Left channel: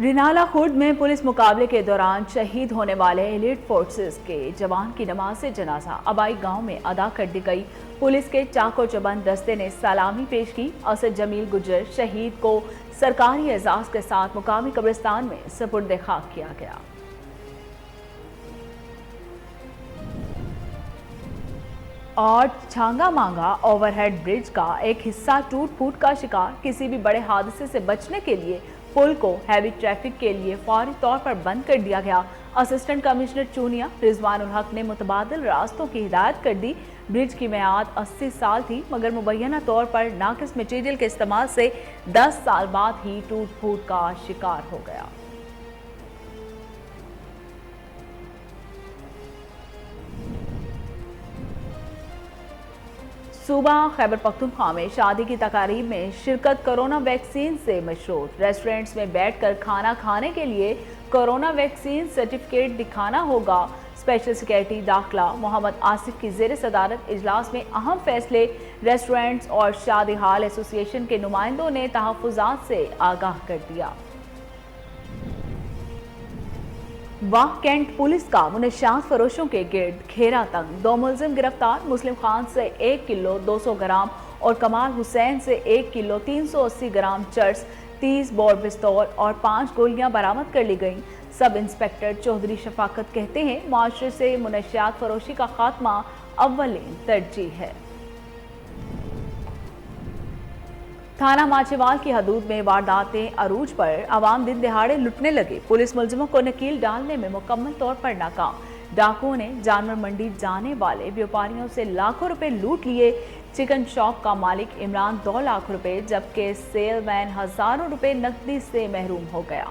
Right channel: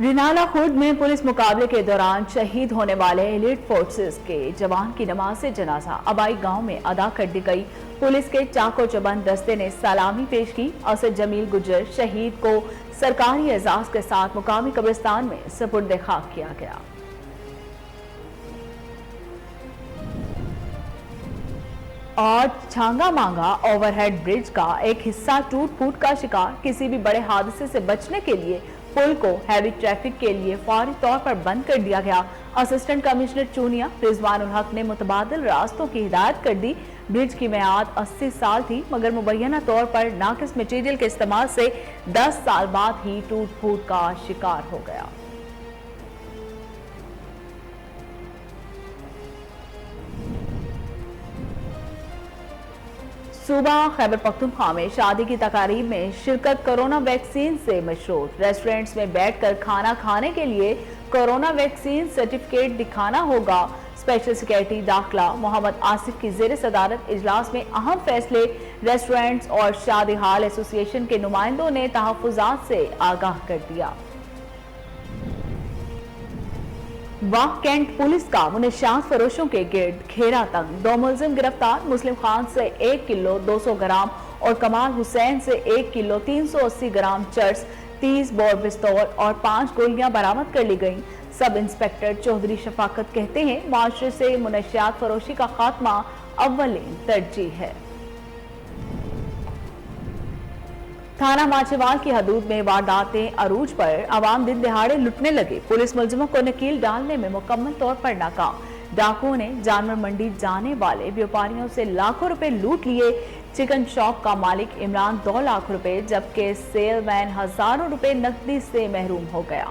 रिनाला खुर्द में पुलिस मुकाबले के दौरान शहीद होने वाले एलिट फोर्सेस के जवान की नमाज जनाजा अबाई गांव में अदा कर दी गई। पुलिस के चाको चबंद दस्ते ने सलामी पेश की। असद जमील गुज्जर शहीद को सरकारी एजाज के साथ मुकामी कब्रिस्तान में सुपुर्द खाक किया गया। और छांगा मांगा ओवरहेड ब्रिज का एक हिस्सा टूट फूट का शिकार। किसी भी बड़े हादसे से बचने के लिए पुल को हैवी ट्रैफिक के लिए फौरी तौर पर बंद कर दिया गया। असिस्टेंट कमिश्नर चूनिया रिजवानुल हक ने मुतबादिल रास्तों की हिदायत कर दी। ब्रिज की मियाद 80 साल थी, मगर मुबैना तौर पर नाकिस मटेरियल के इस्तेमाल से 10 साल बाद ही टूट फूट का शिकार हो गया। सूबा खैबर पख्तूनख्वा में शादी की तकारीब में शिरकत कोरोना वैक्सीन से मशरूत। रेस्टोरेंट्स में बैठकर खाना खाने के लिए कोरोना वैक्सीन सर्टिफिकेट दिखाना होगा। स्पेशल सिक्योरिटी दाखिला मोहम्मद आसिफ की जेर सदारत इजलास में अहम फैसले। रेस्टोरेंट्स और शादी हाल एसोसिएशन के नुमाइंदों ने तहफुजात से आगाह कर दिया। वाह कैंट पुलिस का मुनशियात फरोशों के गिर्द घेरा तक 2 मुलजिम गिरफ्तार। मुस्लिम खान से 1 किलो 200 ग्राम और कमाल हुसैन से 1 किलो 380 ग्राम चर्स, 30 बोर पिस्तौल और 5 गोलियां बरामद कर ली गईं। सब इंस्पेक्टर चौधरी शफाकत कहते हैं, माशरे से मुनशियात फरोशी का खात्मा अव्वलीन तरजीह है। थाना माचेवाल की हदूद में वारदातें अरूज पर। अवाम दिन दिहाड़े लुटने लगे। पुलिस मुलजिमों को नकील डालने में मुकम्मल तौर पर नाकाम। डाकुओं ने जानवर मंडी जाने वाले व्यापारियों से लाखों रुपए लूट लिए। चिकन शॉप का मालिक इमरान 2 लाख रुपए जबकि सेलमैन हजारों रुपए नकदी से महरूम हो गया।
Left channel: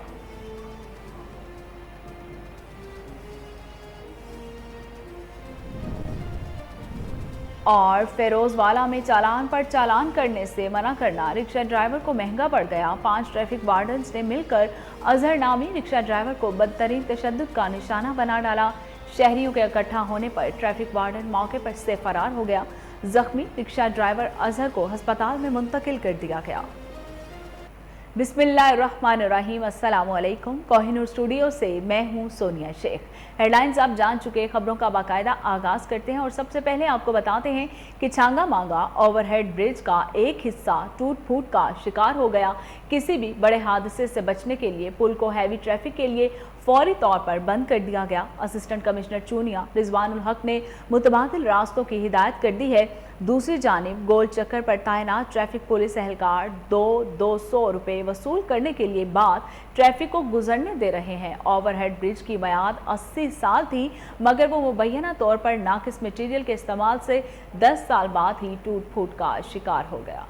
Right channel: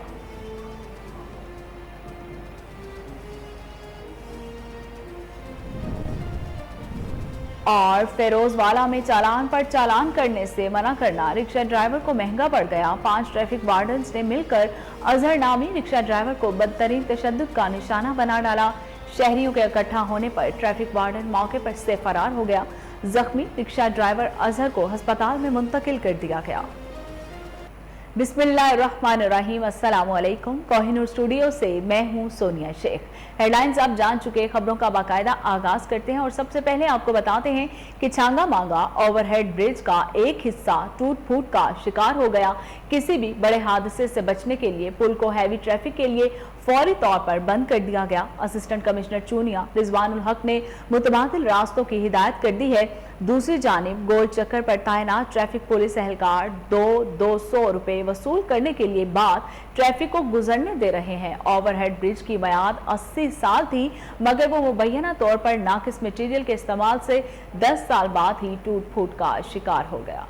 और फेरोजवाला में चालान पर चालान करने से मना करना रिक्शा ड्राइवर को महंगा पड़ गया। 5 ट्रैफिक वार्डन्स ने मिलकर अजहर नामी रिक्शा ड्राइवर को बदतरीन तशद्दुद का निशाना बना डाला। शहरियों के इकट्ठा होने पर ट्रैफिक वार्डन मौके पर से फरार हो गया। जख्मी रिक्शा ड्राइवर अजहर को अस्पताल में मुंतकिल कर दिया गया। बिस्मिल्लाहिर्रहमानिर्रहीम, अस्सलाम वालेकुम। कोहिनूर स्टूडियो से मैं हूं सोनिया शेख। हेडलाइंस आप जान चुके, खबरों का बाकायदा आगाज करते हैं और सबसे पहले आपको बताते हैं कि छांगा मांगा ओवरहेड ब्रिज का एक हिस्सा टूट फूट का शिकार हो गया। किसी भी बड़े हादसे से बचने के लिए पुल को हैवी ट्रैफिक के लिए फौरी तौर पर बंद कर दिया गया। असिस्टेंट कमिश्नर चूनिया रिजवानुल हक ने मुतबादिल रास्तों की हिदायत कर दी है। दूसरी जानिब गोल चक्कर पर तैनात ट्रैफिक पुलिस एहलकार 200 रुपए वसूल करने के लिए बाद ट्रैफिक को गुजरने दे रहे हैं। ओवरहेड ब्रिज की मियाद 80 साल थी, मगर वो मुबैना तौर पर नाकिस मटेरियल के इस्तेमाल से 10 साल बाद ही टूट फूट का शिकार हो गया।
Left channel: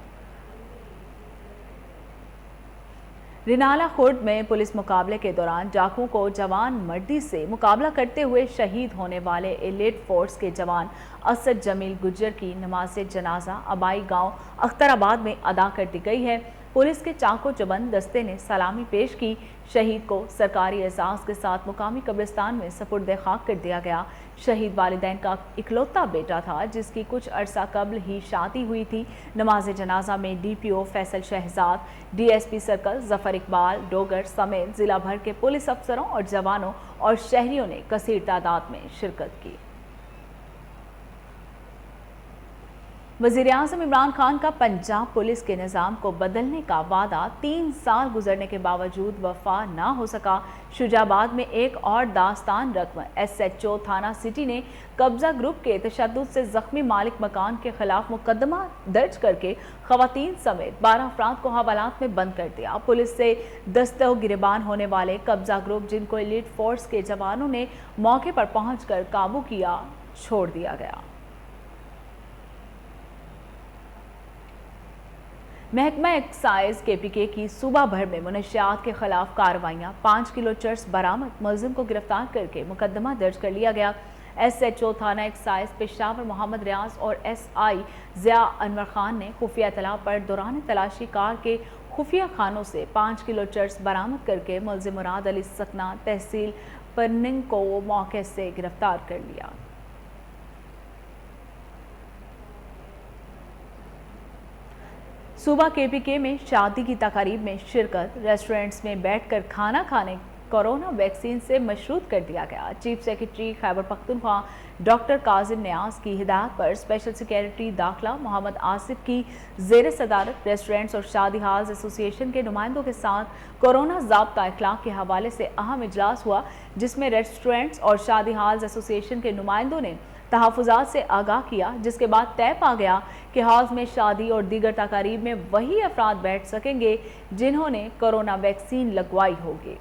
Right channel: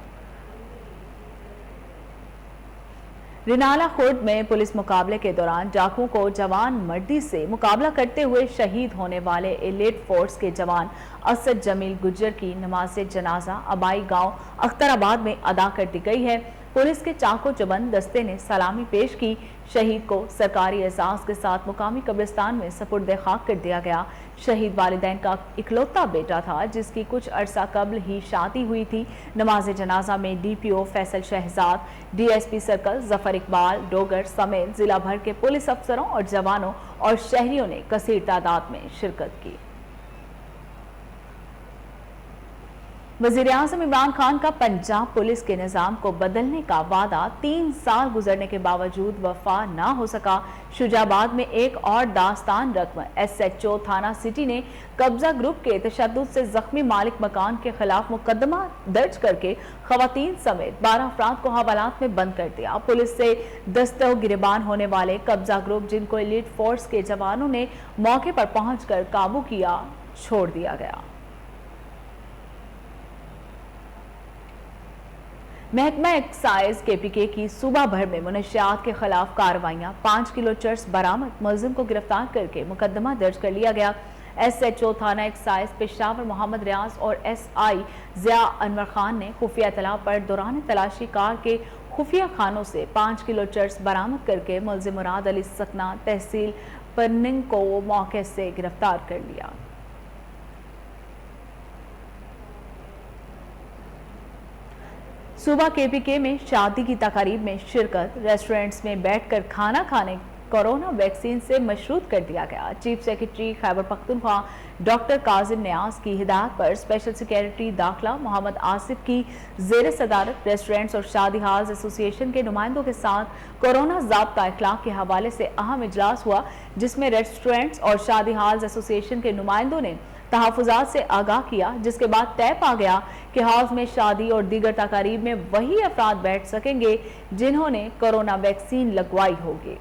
रिनाला खुर्द में पुलिस मुकाबले के दौरान डाकुओं को जवान मर्दी से मुकाबला करते हुए शहीद होने वाले एलिट फोर्स के जवान असद जमील गुज्जर की नमाज जनाजा अबाई गांव अख्तराबाद में अदा कर दी गई है। पुलिस के चाको चबंद दस्ते ने सलामी पेश की। शहीद को सरकारी एजाज के साथ मुकामी कब्रिस्तान में सुपुर्द खाक कर दिया गया। शहीद वालिदैन का इकलौता बेटा था, जिसकी कुछ अरसा कबल ही शादी हुई थी। नमाज जनाजा में DPO Faisal Shahzad, DSP circle Zafar Iqbal Dogar समेत जिला भर के पुलिस अफसरों और जवानों और शहरियों ने कसीर तादाद में शिरकत की। वज़ीर-ए-आज़म इमरान खान का पंजाब पुलिस के निजाम को बदलने का वादा 3 साल गुजरने के बावजूद वफा ना हो सका। शुजाबाद में एक और दास्तान रकम। SHO थाना सिटी ने कब्जा ग्रुप के तशद्दुद से जख्मी मालिक मकान के खिलाफ मुकदमा दर्ज करके खवातीन समेत 12 अफराद को हवालात में बंद कर दिया। पुलिस से दस्तो गिरबान होने वाले कब्जा ग्रुप, जिनको एलिट फोर्स के जवानों ने मौके पर पहुंचकर काबू किया, छोड़ दिया गया। महकमा एक्साइज KPK की सूबा भर में मुनशियात के खिलाफ कार्रवाइयां। 5 किलो चर्स बरामद। मुलजिम को गिरफ्तार करके मुकदमा दर्ज कर लिया गया। SHO थाना एक्साइज पेशावर मोहम्मद रियाज और SI जिया अनवर खान ने खुफिया इत्तला पर दौरान तलाशी कार के खुफिया खानों से 5 किलो चर्स बरामद करके मुलजिम मुराद अली सकना तहसील परनिंग को मौके से गिरफ्तार कर लिया। सुबह केपीके में शादी की तकारीब में शिरकत, रेस्टोरेंट्स में बैठकर खाना खाने कोरोना वैक्सीन से मशरूत कर दिया गया। Chief secretary Khyber Pakhtunkhwa doctor Kazim Niaz की हिदायत पर स्पेशल सेक्रेटरी दाखिला मोहम्मद आसिफ की जेर सदारत रेस्टोरेंट्स और शादी हाल्स एसोसिएशन के नुमाइंदों के साथ कोरोना ज़ाब्ता इखलाक के हवाले से अहम इजलास हुआ, जिसमें रेस्टोरेंट्स और शादी हाल्स एसोसिएशन के नुमाइंदों ने तहफ़्फ़ुज़ात से आगाह किया, जिसके बाद तय पा गया कि हाउस में शादी और दीगर तकारीब में वही अफराद बैठ सकेंगे जिन्होंने कोरोना वैक्सीन लगवाई होगी।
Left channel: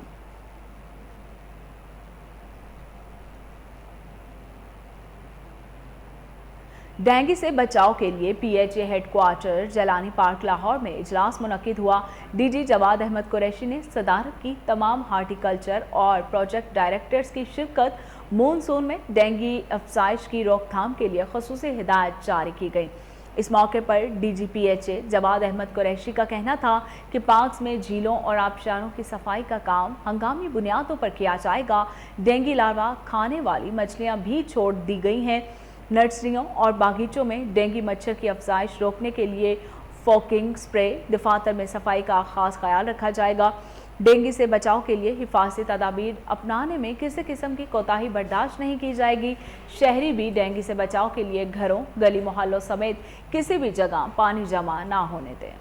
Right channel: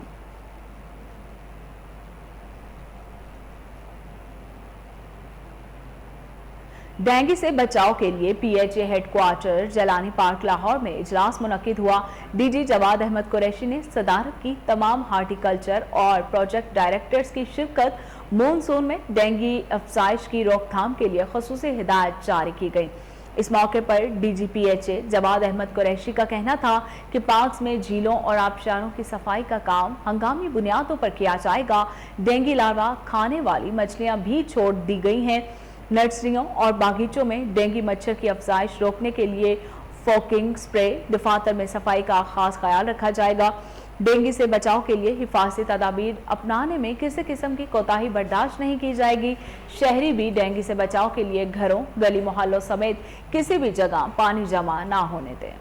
डेंगू से बचाव के लिए पीएचए हेडक्वार्टर जलानी पार्क लाहौर में इजलास मुनक्किद हुआ। डीजी जवाद अहमद कुरैशी ने सदारत की। तमाम हार्टिकल्चर और प्रोजेक्ट डायरेक्टर्स की शिरकत। मॉनसून में डेंगू अफजाइश की रोकथाम के लिए खसूसी हिदायत जारी की गई। इस मौके पर डीजी पीएचए जवाद अहमद कुरैशी का कहना था कि पार्क्स में झीलों और आबशारों की सफाई का काम हंगामी बुनियादों पर किया जाएगा। डेंगू लार्वा खाने वाली मछलियां भी छोड़ दी गई हैं। नर्सरियों और बागीचों में डेंगू मच्छर की अफजाइश रोकने के लिए फोकिंग स्प्रे, दफातर में सफाई का खास ख्याल रखा जाएगा। डेंगू से बचाव के लिए हिफाजती तदाबीर अपनाने में किसी किस्म की कोताही बर्दाश्त नहीं की जाएगी। शहरी भी डेंगू से बचाव के लिए घरों, गली मोहल्लों समेत किसी भी जगह पानी जमा ना होने दें।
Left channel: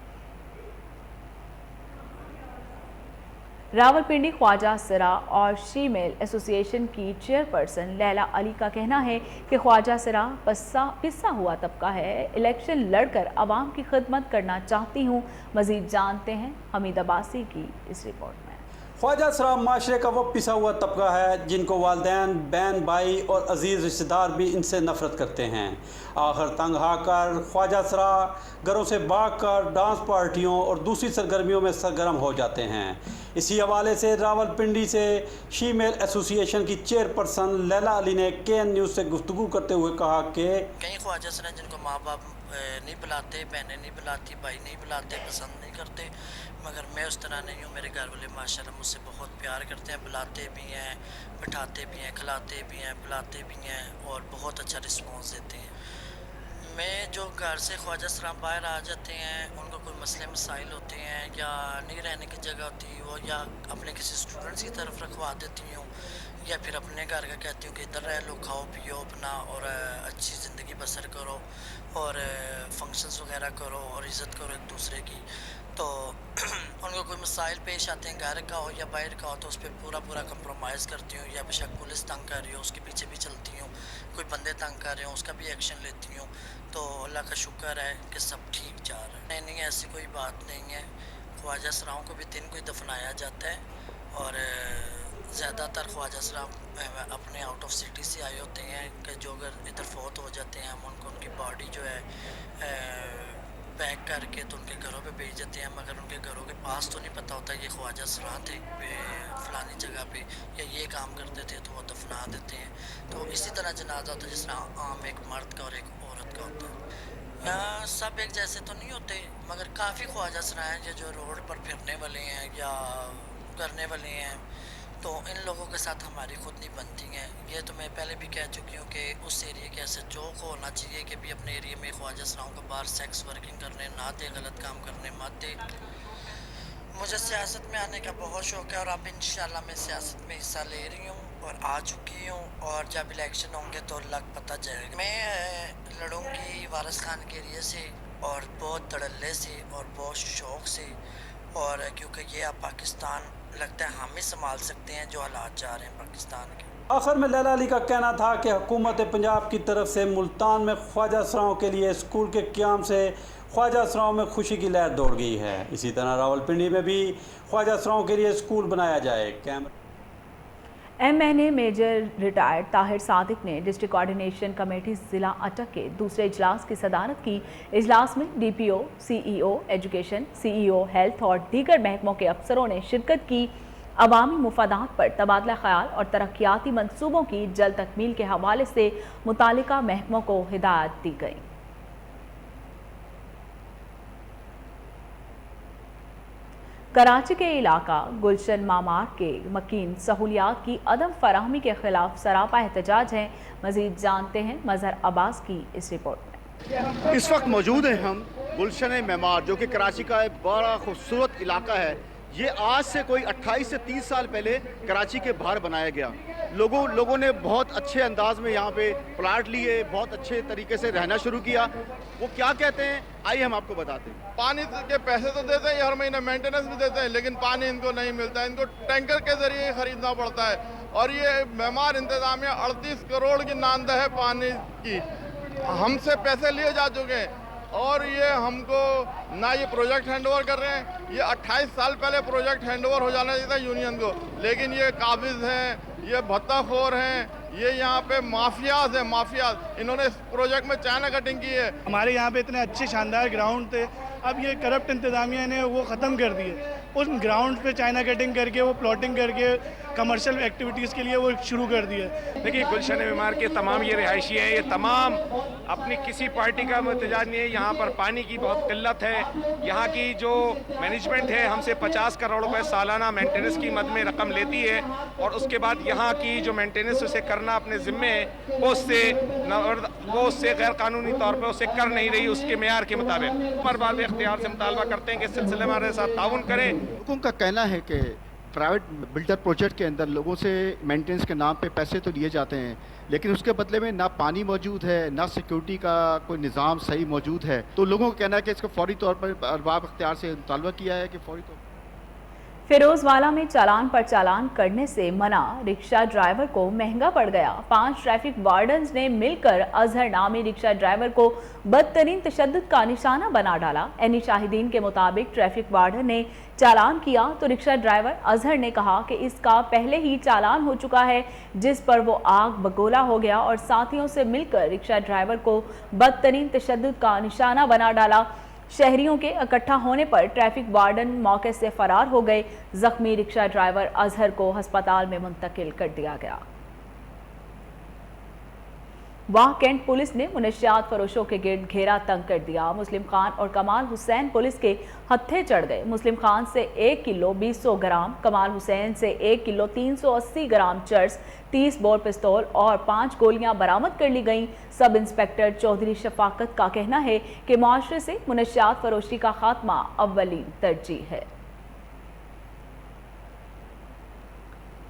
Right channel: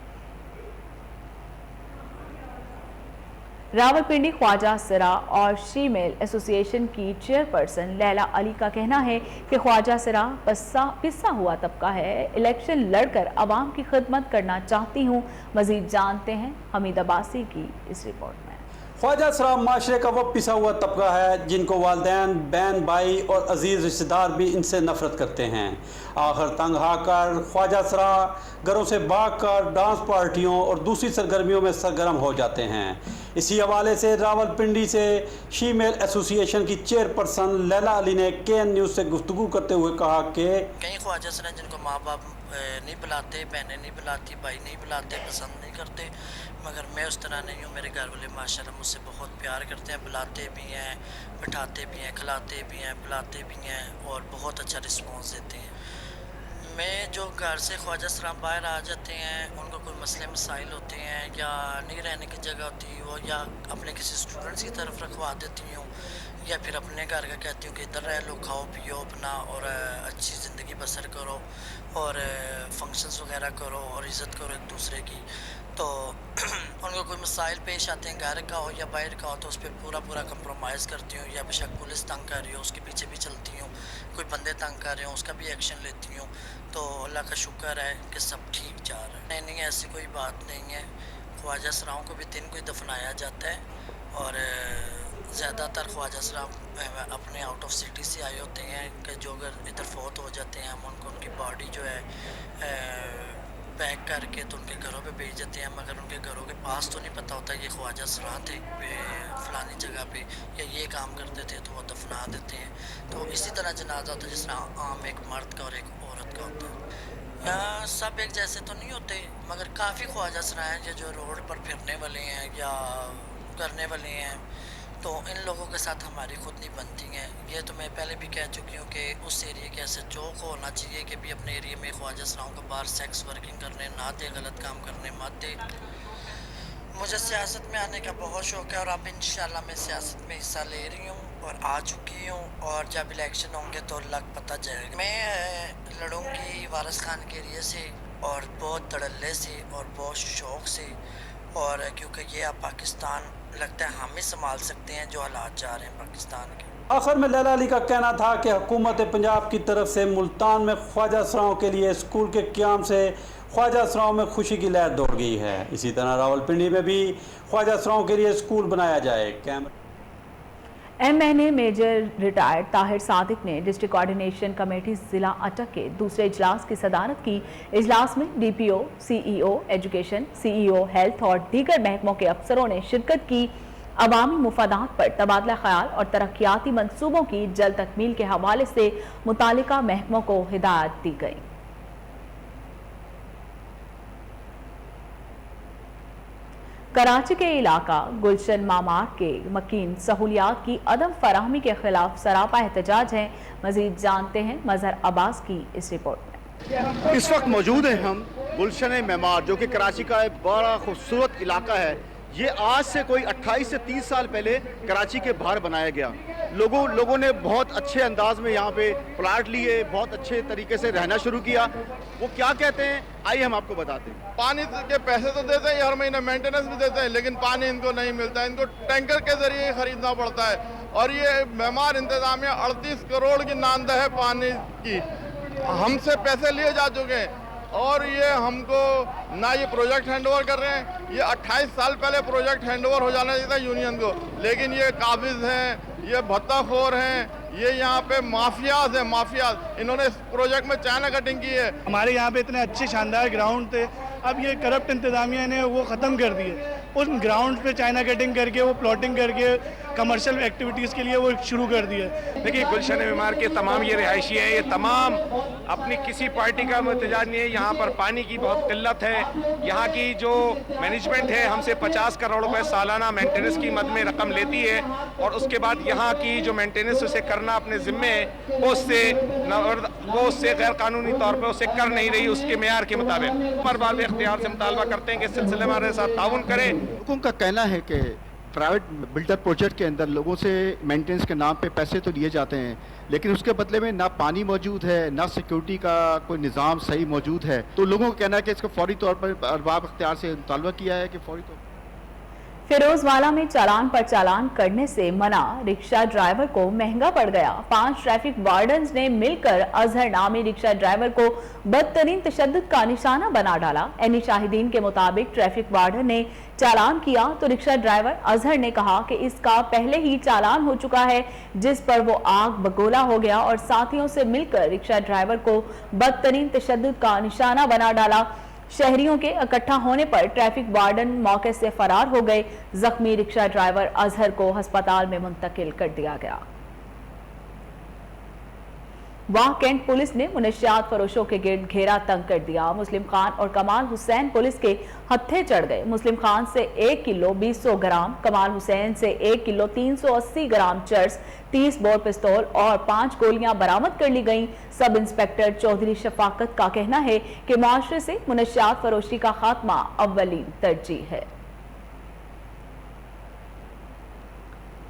रावलपिंडी ख्वाजा सिरा और शीमेल एसोसिएशन की चेयरपर्सन लैला अली का कहना है कि ख्वाजा सिरा पिस्सा हुआ तबका है, इलेक्शन लड़कर अवाम की खिदमत करना चाहती हूँ। मजीद जानते हैं हमीद अब्बासी की इस रिपोर्ट में। ख्वाजा सिरा माशरे का वो पिसा हुआ तबका है जिनको वालिदैन, बहन भाई और अजीज रिश्तेदार भी इनसे नफरत करते हैं। आखिर तंग आकर ख्वाजा सिरा घरों से भागकर डांस पार्टियों और दूसरी सरगर्मियों में सरगर्म हो जाते हैं। इसी हवाले से रावलपिंडी से शीमेल एसोसिएशन की चेयरपर्सन लैला अली ने केएन न्यूज़ से गुफ्तगू करते हुए कहा कि कई ख्वाजा सिरा जिनको माँ बाप नहीं बुलाते, बहनें नहीं बुलाती, भाई नहीं बुलाते, पसंद नहीं करते, मगर मैं उस तरह नहीं हूँ। मेरे घर वाले माशाल्लाह मुझसे बहुत प्यार करते हैं, बुलाते भी हैं, बिठाते भी हैं, खिलाते भी हैं, बुलाते भी हैं और बहुत अच्छा रिस्पॉन्स देते हैं। मैं जो घर से ख्वाजा सिरा बाहर आ जाते हैं, उनको कोई मसले मसाइल होते हैं या नहीं रहने की जगह होती हो या अपने किसी स्टूडेंट्स की तरफ रखवा देती हूँ या फिर अपने घर का कहती हूँ कि इधर रह लो, खाओ पियो अपना और अच्छी ज़िंदगी बसर करो और फंक्शंस वगैरह करो और इज़्ज़त करो एक दूसरे की। तो उनको कोई मसाइल पेश आते हैं घर का हो या बाहर का हो तो उस पर पूरा कंप्रोमाइज़ करती हूँ, या बेशक पुलिस तंग कर रही हो उसके पीछे भी चलती हूँ, कोई बंदे तंग कर रहे हो उसका भी एक्शन लेती हूँ। तो अल्लाह का शुक्र है कि सब ठीक जा रहा है। नहीं ऐसी कोई बात नहीं है। ख्वाजा सिराओं को भी दिन को ही दफनाया जाता है और ज़्यादातर ख्वाजा सिरा अपने आउट ऑफ सिटी से आए होते हैं कि जो अगर इधर फौत हो जाते हैं हम उनको उनकी बॉडी जो है पैक करके तो उनके घरों पे भेज देते हैं, मगर उनके घरों के पास तो नहीं पता होता ये ख्वाजा सिरा थे फलानी जगह पे या ये काम करते थे, तो वो दफना देते हैं। तो इसी तरह जनाजा होता है जिस तरह आम एक मर्द का और एक औरत का होता है। सब एक जैसे तो नहीं होते, मगर काफ़ी ख्वाजा सिरा हैं जो रोड पर फिरने वाले हैं या करने वाले हैं, तो इन लोगों के साथ हमारी खुद नहीं बनती हैं। ये तो मैं पहले भी कह चुकी हूँ कि उस एरिया के SHO को होना चाहिए कि भी अपने एरिया में ख्वाजा सिराओं को बाहर सेक्स वर्किंग करने ना दे, गलत काम करने मत दे। मुझे सियासत में आने का बहुत शौक़ है और अब इंशाल्लाह मैं सियासत में हिस्सा ले रही हूँ और आ चुकी हूँ और जब इलेक्शन होंगे तो लग पता जाएगा। मैं लड़ूंगी वारिस खान के एरिया से और बहुत धड़ल्ले से और बहुत शौक़ से, और क्योंकि ये अब पाकिस्तान लगता है हम ही संभाल सकते हैं जो हालात जा रहे हैं पाकिस्तान के। आखिर में लैला अली का कहना था कि हुकूमत पंजाब की तरफ से मुल्तान में ख्वाजा सिराओं के लिए स्कूल के क़याम से ख्वाजा सिराओं में खुशी की लहर दौड़ गई है। इसी तरह रावलपिंडी में भी ख्वाजा सिराओं के लिए स्कूल बनाया जाए। MNA major retired Tahir Sadiq ने डिस्ट्रिक्ट कोऑर्डिनेशन कमेटी जिला अटक के दूसरे इजलास की सदारत की। इजलास में DPO, CEO education, CEO health और दीगर महकमों के अफसरों ने शिरकत की। अवामी मुफादात पर तबादला ख्याल और तरक्याती मंसूबों की जल्द तकमील के हवाले से मुतालिका महकमों को हिदायत दी गई। कराची के इलाका गुलशन मामार के मकीन सहूलियात की अदम फराहमी के खिलाफ सरापा एहतजाज है। मजीद जानते हैं मजहर अब्बास की इस रिपोर्ट में। इस वक्त मौजूद हैं हम गुलशन मेमार, जो कि कराची का एक बड़ा खूबसूरत इलाका है। ये आज से कोई 28 से 30 साल पहले कराची के बाहर बनाया गया। लोगों ने बहुत अच्छे अंदाज में यहाँ पे प्लाट लिए, बहुत अच्छे तरीके से रहना शुरू किया। वो क्या कहते हैं आइए हम आपको बताते हैं। पानी के पैसे तो देते हैं, हर महीने मेंटेनेंस भी देते हैं, लेकिन पानी इनको नहीं मिलता है। इनको टैंकर के जरिए खरीदना पड़ता है। और ये मेमार इंतजामिया 38 करोड़ की नानदा है पानी की, हमसे पैसे लिए जा चुके हैं। और ये हमको ना ये प्रोजेक्ट हैंड ओवर कर रहे हैं। ये 28 साल पहले प्रोजेक्ट हैंड ओवर हो जाना चाहिए था यूनियन को, लेकिन ये काबिज हैं, ये भत्ताखोर हैं, ये यहाँ पे माफियाज हैं, माफियाज। इन्होंने इस प्रोजेक्ट में चाइना कटिंग की है। हमारे यहाँ पे इतने अच्छे शानदार ग्राउंड थे, अब ये करप्ट इंतजामिया ने वो ख़त्म कर दिए। उस ग्राउंड पे चाइना कटिंग करके, वो प्लॉटिंग करके कमर्शियल एक्टिविटीज़ के लिए वो शुरू कर दिया। देखिए, गुलशन मेमार के तमाम ये रिहायशी हैं, ये तमाम अपनी किसी पार्टी का एहतजाज नहीं है। यहाँ पर पानी की बहुत किल्लत है। यहाँ की जो मैनेजमेंट है हमसे 50 करोड़ रुपए सालाना मेंटेनेंस की मद में रकम लेती है, और उसके बाद यहाँ की जो मेंटेनेंस उसे करना अपने ज़िम्मे है, वो उससे गैर कानूनी तौर पर उसे कर नहीं रही उसके मेयार के मुताबिक। पर बार इख्तियार से मुतालबा करते हैं कि इस सिलसिले में हमारे साथ ताउन करें। लोगों का कहना है कि प्राइवेट बिल्डर प्रोजेक्ट के अंदर लोगों से मेंटेनेंस के नाम पे पैसे तो लिए जाते हैं, लेकिन उसके बदले में ना पानी मौजूद है, ना सिक्योरिटी का कोई निज़ाम सही मौजूद है। तो लोगों का कहना है कि इसको फौरी तौर पर अरबाब इख्तियार से मुतालबा किया है कि फौरी तौर पर। फिरोजवाला में चालान पर चालान करने से मना, रिक्शा ड्राइवर को महंगा पड़ गया। 5 ट्रैफिक वार्डन्स ने मिलकर अजहर नामी रिक्शा ड्राइवर को बदतरीन तशद्दुद का निशाना बना डाला। एनी शाहिदीन के मुताबिक ट्रैफिक वार्डन ने चालान किया तो रिक्शा ड्राइवर अजहर ने कहा कि इसका पहले ही चालान हो चुका है, जिस पर वो आग बगोला हो गया और साथियों से मिलकर रिक्शा ड्राइवर को बदतरीन तशद्दुद का निशाना बना डाला। शहरियों के इकट्ठा होने पर ट्रैफिक वार्डन मौके से फरार हो गए। जख्मी रिक्शा ड्राइवर अजहर को अस्पताल में मुंतकिल कर दिया गया। वाह कैंट पुलिस ने मुनशियात फरोशों के गिर्द घेरा तंग कर दिया। मुस्लिम खान और कमाल हुसैन पुलिस के हत्थे चढ़ गए। मुस्लिम खान से 1 किलो 200 ग्राम, कमाल हुसैन से 1 किलो 380 ग्राम चर्स, 30 बोर पिस्तौल और 5 गोलियां बरामद कर ली गईं। सब इंस्पेक्टर चौधरी शफाकत का कहना है कि मुआशरे से मुनशियात फरोशी का खात्मा अव्वलीन तरजीह है।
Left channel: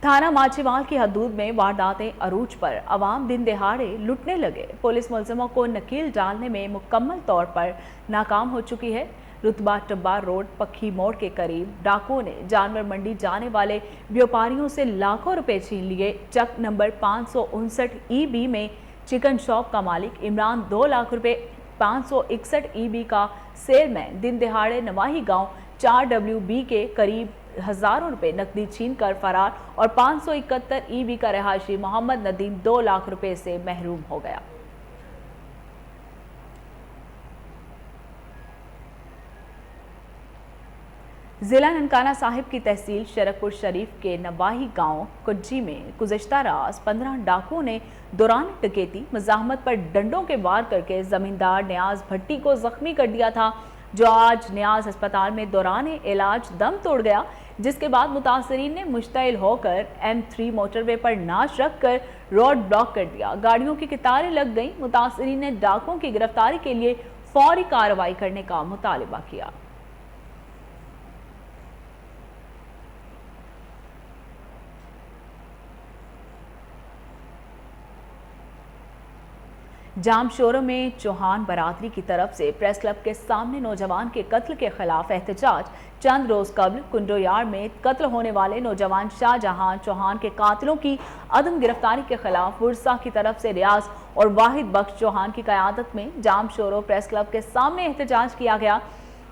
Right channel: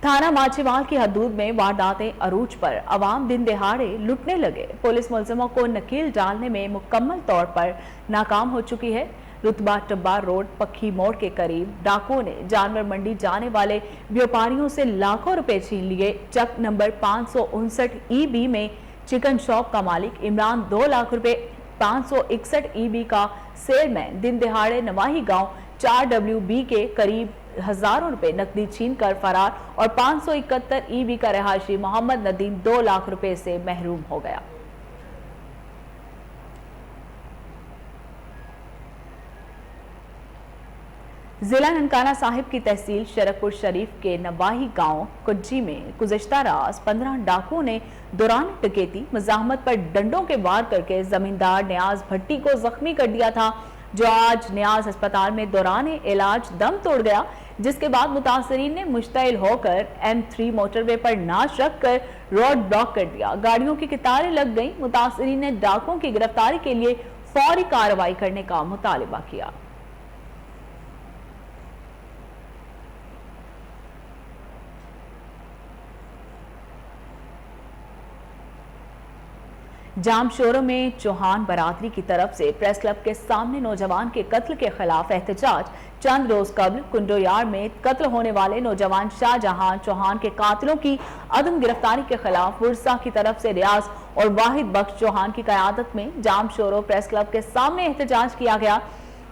थाना माछीवाल की हदूद में वारदातें अरूज पर, अवाम दिन दिहाड़े लुटने लगे। पुलिस मुलजिमों को नकील डालने में मुकम्मल तौर पर नाकाम हो चुकी है। रुतबा टब्बा रोड पक्की मोड़ के करीब डाकुओं ने जानवर मंडी जाने वाले व्यापारियों से लाखों रुपए छीन लिए। चक नंबर 559 EB में चिकन शॉप का मालिक इमरान 2 लाख रुपए, 561 EB का सेलमैन दिन दिहाड़े नवाही गांव 4WB के करीब हजारों रुपए नकदी छीन कर फरार और 571 EB का रहायशी मोहम्मद नदीम 2 लाख रुपए से महरूम हो गया। जिला ननकाना साहिब की तहसील शरफपुर शरीफ के नवाही गांव कुज्जी में गुज़श्ता रात 15 डाकुओं ने दौरान डकैती मज़ाहमत पर डंडों के वार करके जमींदार नियाज भट्टी को जख्मी कर दिया था, जो आज नियाज अस्पताल में दौरान इलाज दम तोड़ गया। जिसके बाद मुतासरीन ने मुश्तइल होकर M3 मोटरवे पर नाश रखकर रोड ब्लॉक कर दिया। गाड़ियों की कतारें लग गईं। मुतासरीन ने डाकुओं की गिरफ्तारी के लिए फौरी कार्रवाई करने का मुतालिबा किया। जामशोरों में चौहान बरादरी की तरफ से प्रेस क्लब के सामने नौजवान के कत्ल के खिलाफ एहतजाज। चंद रोज कबल कुंडोयार में कत्ल होने वाले नौजवान शाहजहां चौहान के कातिलों की अदम गिरफ्तारी के खिलाफ वुरसा की तरफ से रियाज और वाहिद बख्श चौहान की क़यादत में जामशोरों प्रेस क्लब के सामने एहतजाज किया गया।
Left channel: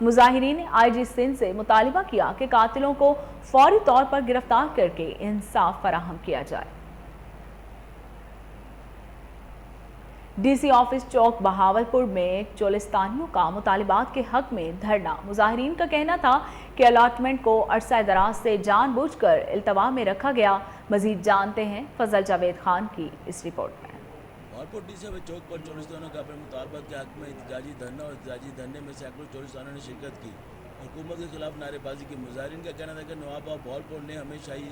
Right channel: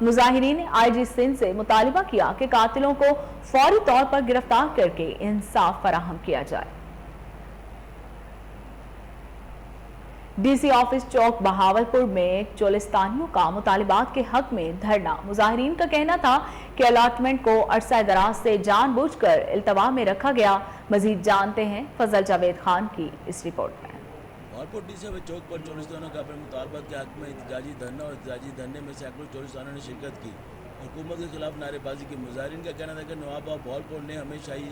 मुजाहिरीन ने IG सिंध से मुतालिबा किया कि कातिलों को फौरी तौर पर गिरफ्तार करके इंसाफ फराहम किया जाए। DC ऑफिस चौक बहावलपुर में चोलिस्तानियों का मुतालिबात के हक में धरना। मुजाहिरीन का कहना था कि अलाटमेंट को अरसा दराज से जानबूझकर इल्तवा में रखा गया। मजीद जानते हैं फजल जावेद खान की इस रिपोर्ट में। बहावलपुर DC ऑफिस चौक पर चोलिस्तानों का अपने मुतालबात के हक में एहतजाजी धरना और एहतजाजी धरने में सैकड़ों चोलिस्तानों ने शिरकत की। हुकूमत के खिलाफ नारेबाजी की। मुजाहिरीन का कहना था कि नवाब भावलपुर ने हमेशा ही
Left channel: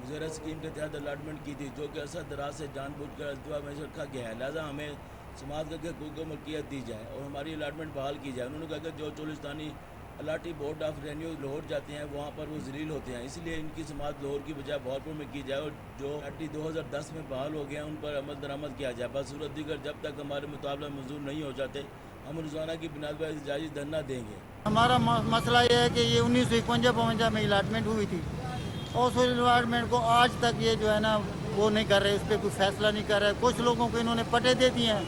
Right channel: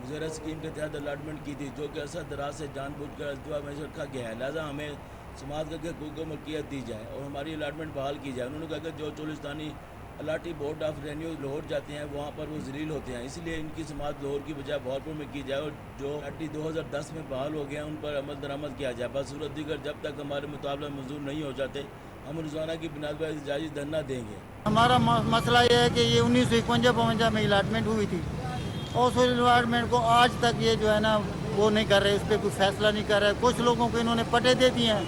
मुजरा स्कीम के तहत अलाटमेंट की थी, जो कि अरसा दराज से जानबूझ कर अल्तवा में रखा गया है, लिहाजा हमें समाज का हकूक़ को मलकियत दी जाए और हमारी अलाटमेंट बहाल की जाए। उन्होंने कहा कि जो चोलिस्तानी allottee board of revenue Lahore जाते हैं वहाँ पर वो जलील होते हैं, इसलिए इनकी समात लाहौर की बजाय भावलपुर में की जाए और जो अलाटी 2010 में बहाल हो गया उन पर अमल दरामद किया जाए। बसूरत दीगर जब तक हमारे मुताबिक मंजूर नहीं हो जाते हम रोज़ाना की बुनियाद पर एहतजाजी धरना देंगे। हमारा मसला ये है कि ये 1951 में अलाटमेंट हुई थी और उस अलाटमेंट को आज तक ये जो है ना वो नहीं कर रहे, इस पर कोई फैसला नहीं कर रहे। कुछ लोगों को इन्होंने पटे दे दिए हैं,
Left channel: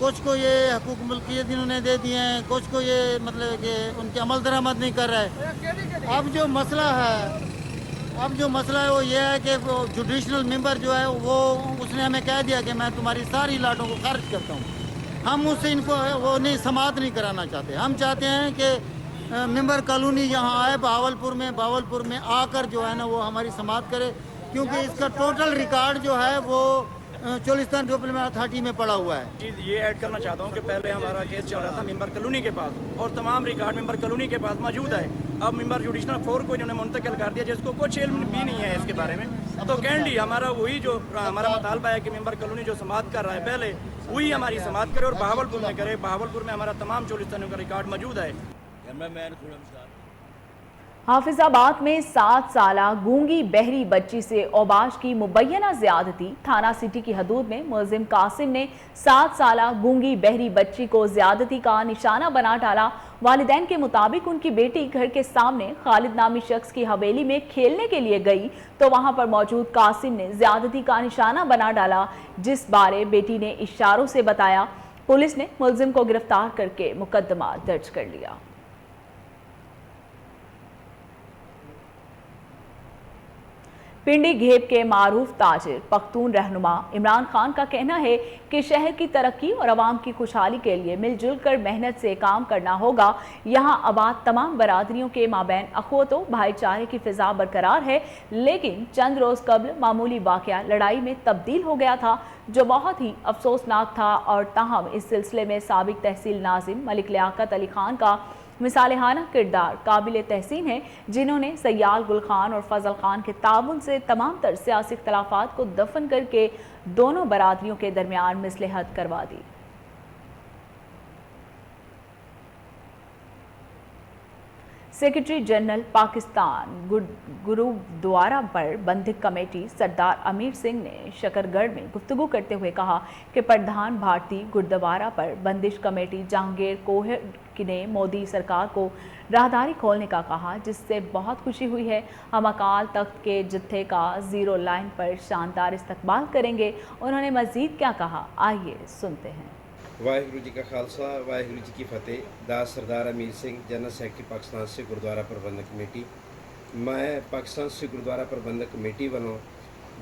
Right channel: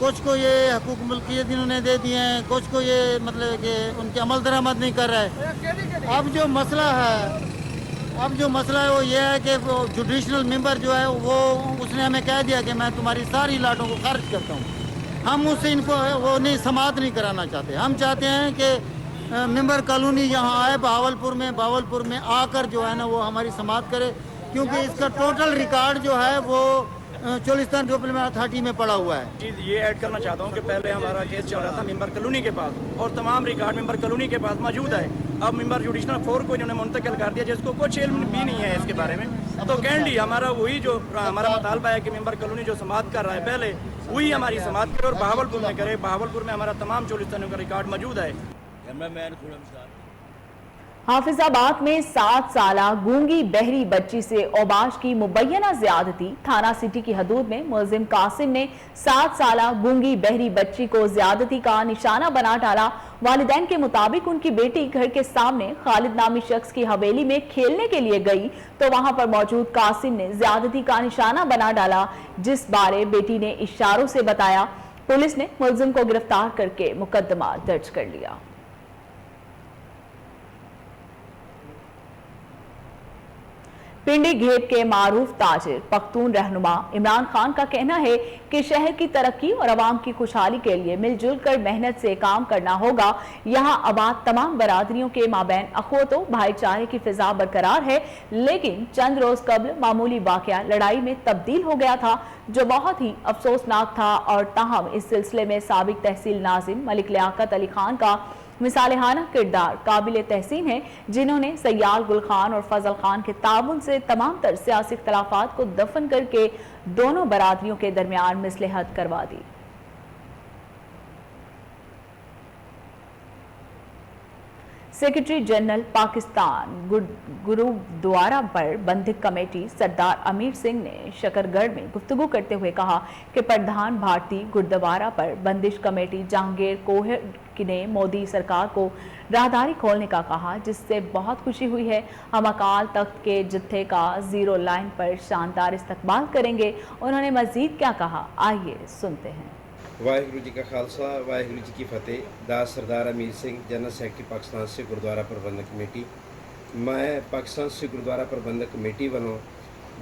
कुछ को ये हकूक मुल्कियत इन्होंने दे दिए हैं, कुछ को ये मतलब कि उनके अमल दरामद नहीं कर रहे। अब जो मसला है वो ये है कि जुडिशनल मेंबर जो है वो उसने हमें कह दिया कि मैं तुम्हारी सारी लाटों को खारिज करता हूँ। हम उससे इनको वो नहीं समात नहीं कराना चाहते। हम चाहते हैं कि मेंबर कॉलोनी यहाँ आए भावलपुर में आकर जो है ना वो हमारी समात करे, क्योंकि इसका टोटल रिकॉर्ड जो है वो चोलिस्तान डेवलपमेंट अथॉरिटी में पड़ा हुआ है। जी ये ऐड करना चाहता हूँ कि पहले हमारा केस चल रहा था मेंबर कॉलोनी के पास और तमाम रिकॉर्ड मेंबर कॉलोनी के पास मौजूद है। अब मेंबर जुडिशनल 4 को इन्होंने मुंतकिल कर दिया जिसको कुछ इल्म भी नहीं है इसके बारे में। तो कैंडी हमारा वही जो हमारा मुतालबा है कि मेंबर कॉलोनी जो समात कर रहा है पहले वही हमारी समात करे और बहावलपुर में करे। बहावलपुर में हमारा तमाम चोलिस्तानियों का रिकॉर्ड मौजूद है। कैमरामैन खुरम साहब। हाफिजाबाद में 7 साला गूंगी बहरी बच्ची से औबाश की मुबैना ज्यादती। थाना सिटी की हदूद में मुलजिम कासिम ने 7 साला गूंगी बहरी बच्ची को ज्यादती का निशाना बना डाला। वालिदैन के मुताबिक उनकी बेटी घर के सामने खालिद नामी शख्स की हवेली में खेलने के लिए गई तो वहां पर मौजूद कासिम ने ज्यादती का निशाना बना डाला, जिस बारे बेटी ने इशारों से बताया। पुलिस ने मुलजिम को गिरफ्तार करके मुकदमा दर्ज कर लिया। पिंडी घेप के मारूफ ताजिर पख्तून रहनुमा इमरान खान का कहना है कि शहर की तरक्की और आवाम की खुशहाली के लिए मिलजुल कर मेहनत से काम करना होगा। यहाँ आबाद तमाम बरादरियों के माबैन अखोतो भाईचारे की फिजा बरकरार है, लेकिन चंद रोज कबल मामूली वाकया लड़ाई में तब्दील हो गया था जो बहुत ही अफसोसनाक था। और ताहम इस सिलसिले में साबिक तहसील नाजिम मलिक लियाकत अली खान का मिसालेहाना किरदार काबिल तहसीन है, जिन्होंने सयाल गुल खान और फजल खान के ताउन से तमाम तर सियासी इख्तलाफात को दफन करके दोनों बरादरियों के दरमियान मसलहत करवा दी। सेक्रेटरी जनरल पाकिस्तान गुरुद्वारा पर बंदिक कमेटी सरदार अमीर सिंह ने शकरगढ़ में गुफ्तगू करते हुए कहा कि प्रधान भारतीय गुरुद्वारा पर बंदिश कमेटी जहांगीर कोहर ने मोदी सरकार को राहदारी खोलने का कहा, जिससे बहुत खुशी हुई है। हम अकाल तख्त के जत्थे का जीरो लाइन पर शानदार इस्तकबाल करेंगे। उन्होंने मजीद क्या कहा, आइए सुनते हैं। वाहिगुरु जी का खालसा वाहिगुरु जी की फतेह। दास सरदार अमीर सिंह, जनरल सेक्रेटरी पाकिस्तान सिख गुरुद्वारा प्रबंधक कमेटी। मैं पाकिस्तान सिख गुरुद्वारा प्रबंधक कमेटी वालों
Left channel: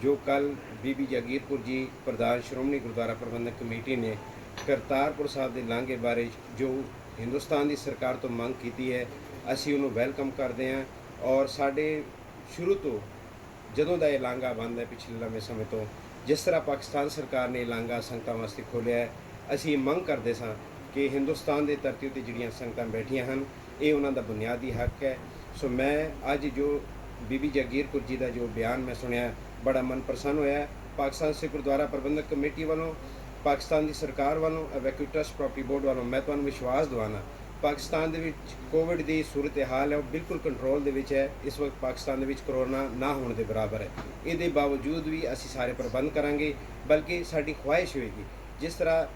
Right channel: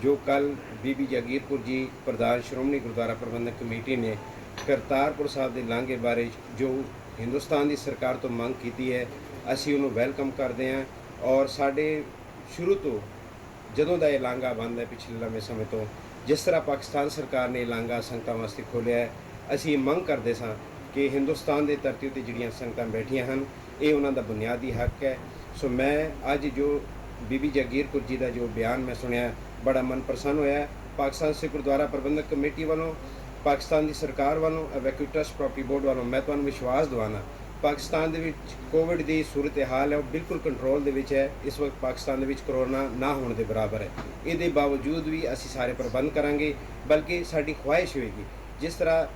जो कल बीबी जागीरपुर जी प्रधान श्रोमणी गुरुद्वारा प्रबंधक कमेटी ने करतारपुर साहब के लांघे बारे जो हिंदुस्तान की सरकार तो मंग की है, असी उन्होंने वैलकम करते हैं। और साढ़े शुरू तो जदों का यह लांघा बंद है पिछले लंबे समय तो, जिस तरह पाकिस्तान सरकार ने लांघा संगतां वास्ते खोलिया है, असी मंग करते सां कि हिंदुस्तान के धरती उत्ते जिहड़ियां संगतां बैठियां हन ये उन्हां दा बुनियादी हक है। सो मैं अज जो बीबी जागीरपुर जी का जो बयान मैं सुनिया बड़ा मन प्रसन्न होया। पाकिस्तान सिख गुरुद्वारा प्रबंधक कमेटी वालों, पाकिस्तान की सरकार वालों, वैक्यू ट्रस्ट प्रॉपर्टी बोर्ड वालों मैं तुहानूं विश्वास दवाना पाकिस्तान दे विच कोविड की सूरत हाल है वो बिल्कुल कंट्रोल दे विच है। इस वक्त पाकिस्तान दे विच कोरोना ना होने के बराबर है। ये बावजूद भी असी सारे प्रबंध करांगे, बल्कि साडी ख्वाहिश होएगी जिस तरह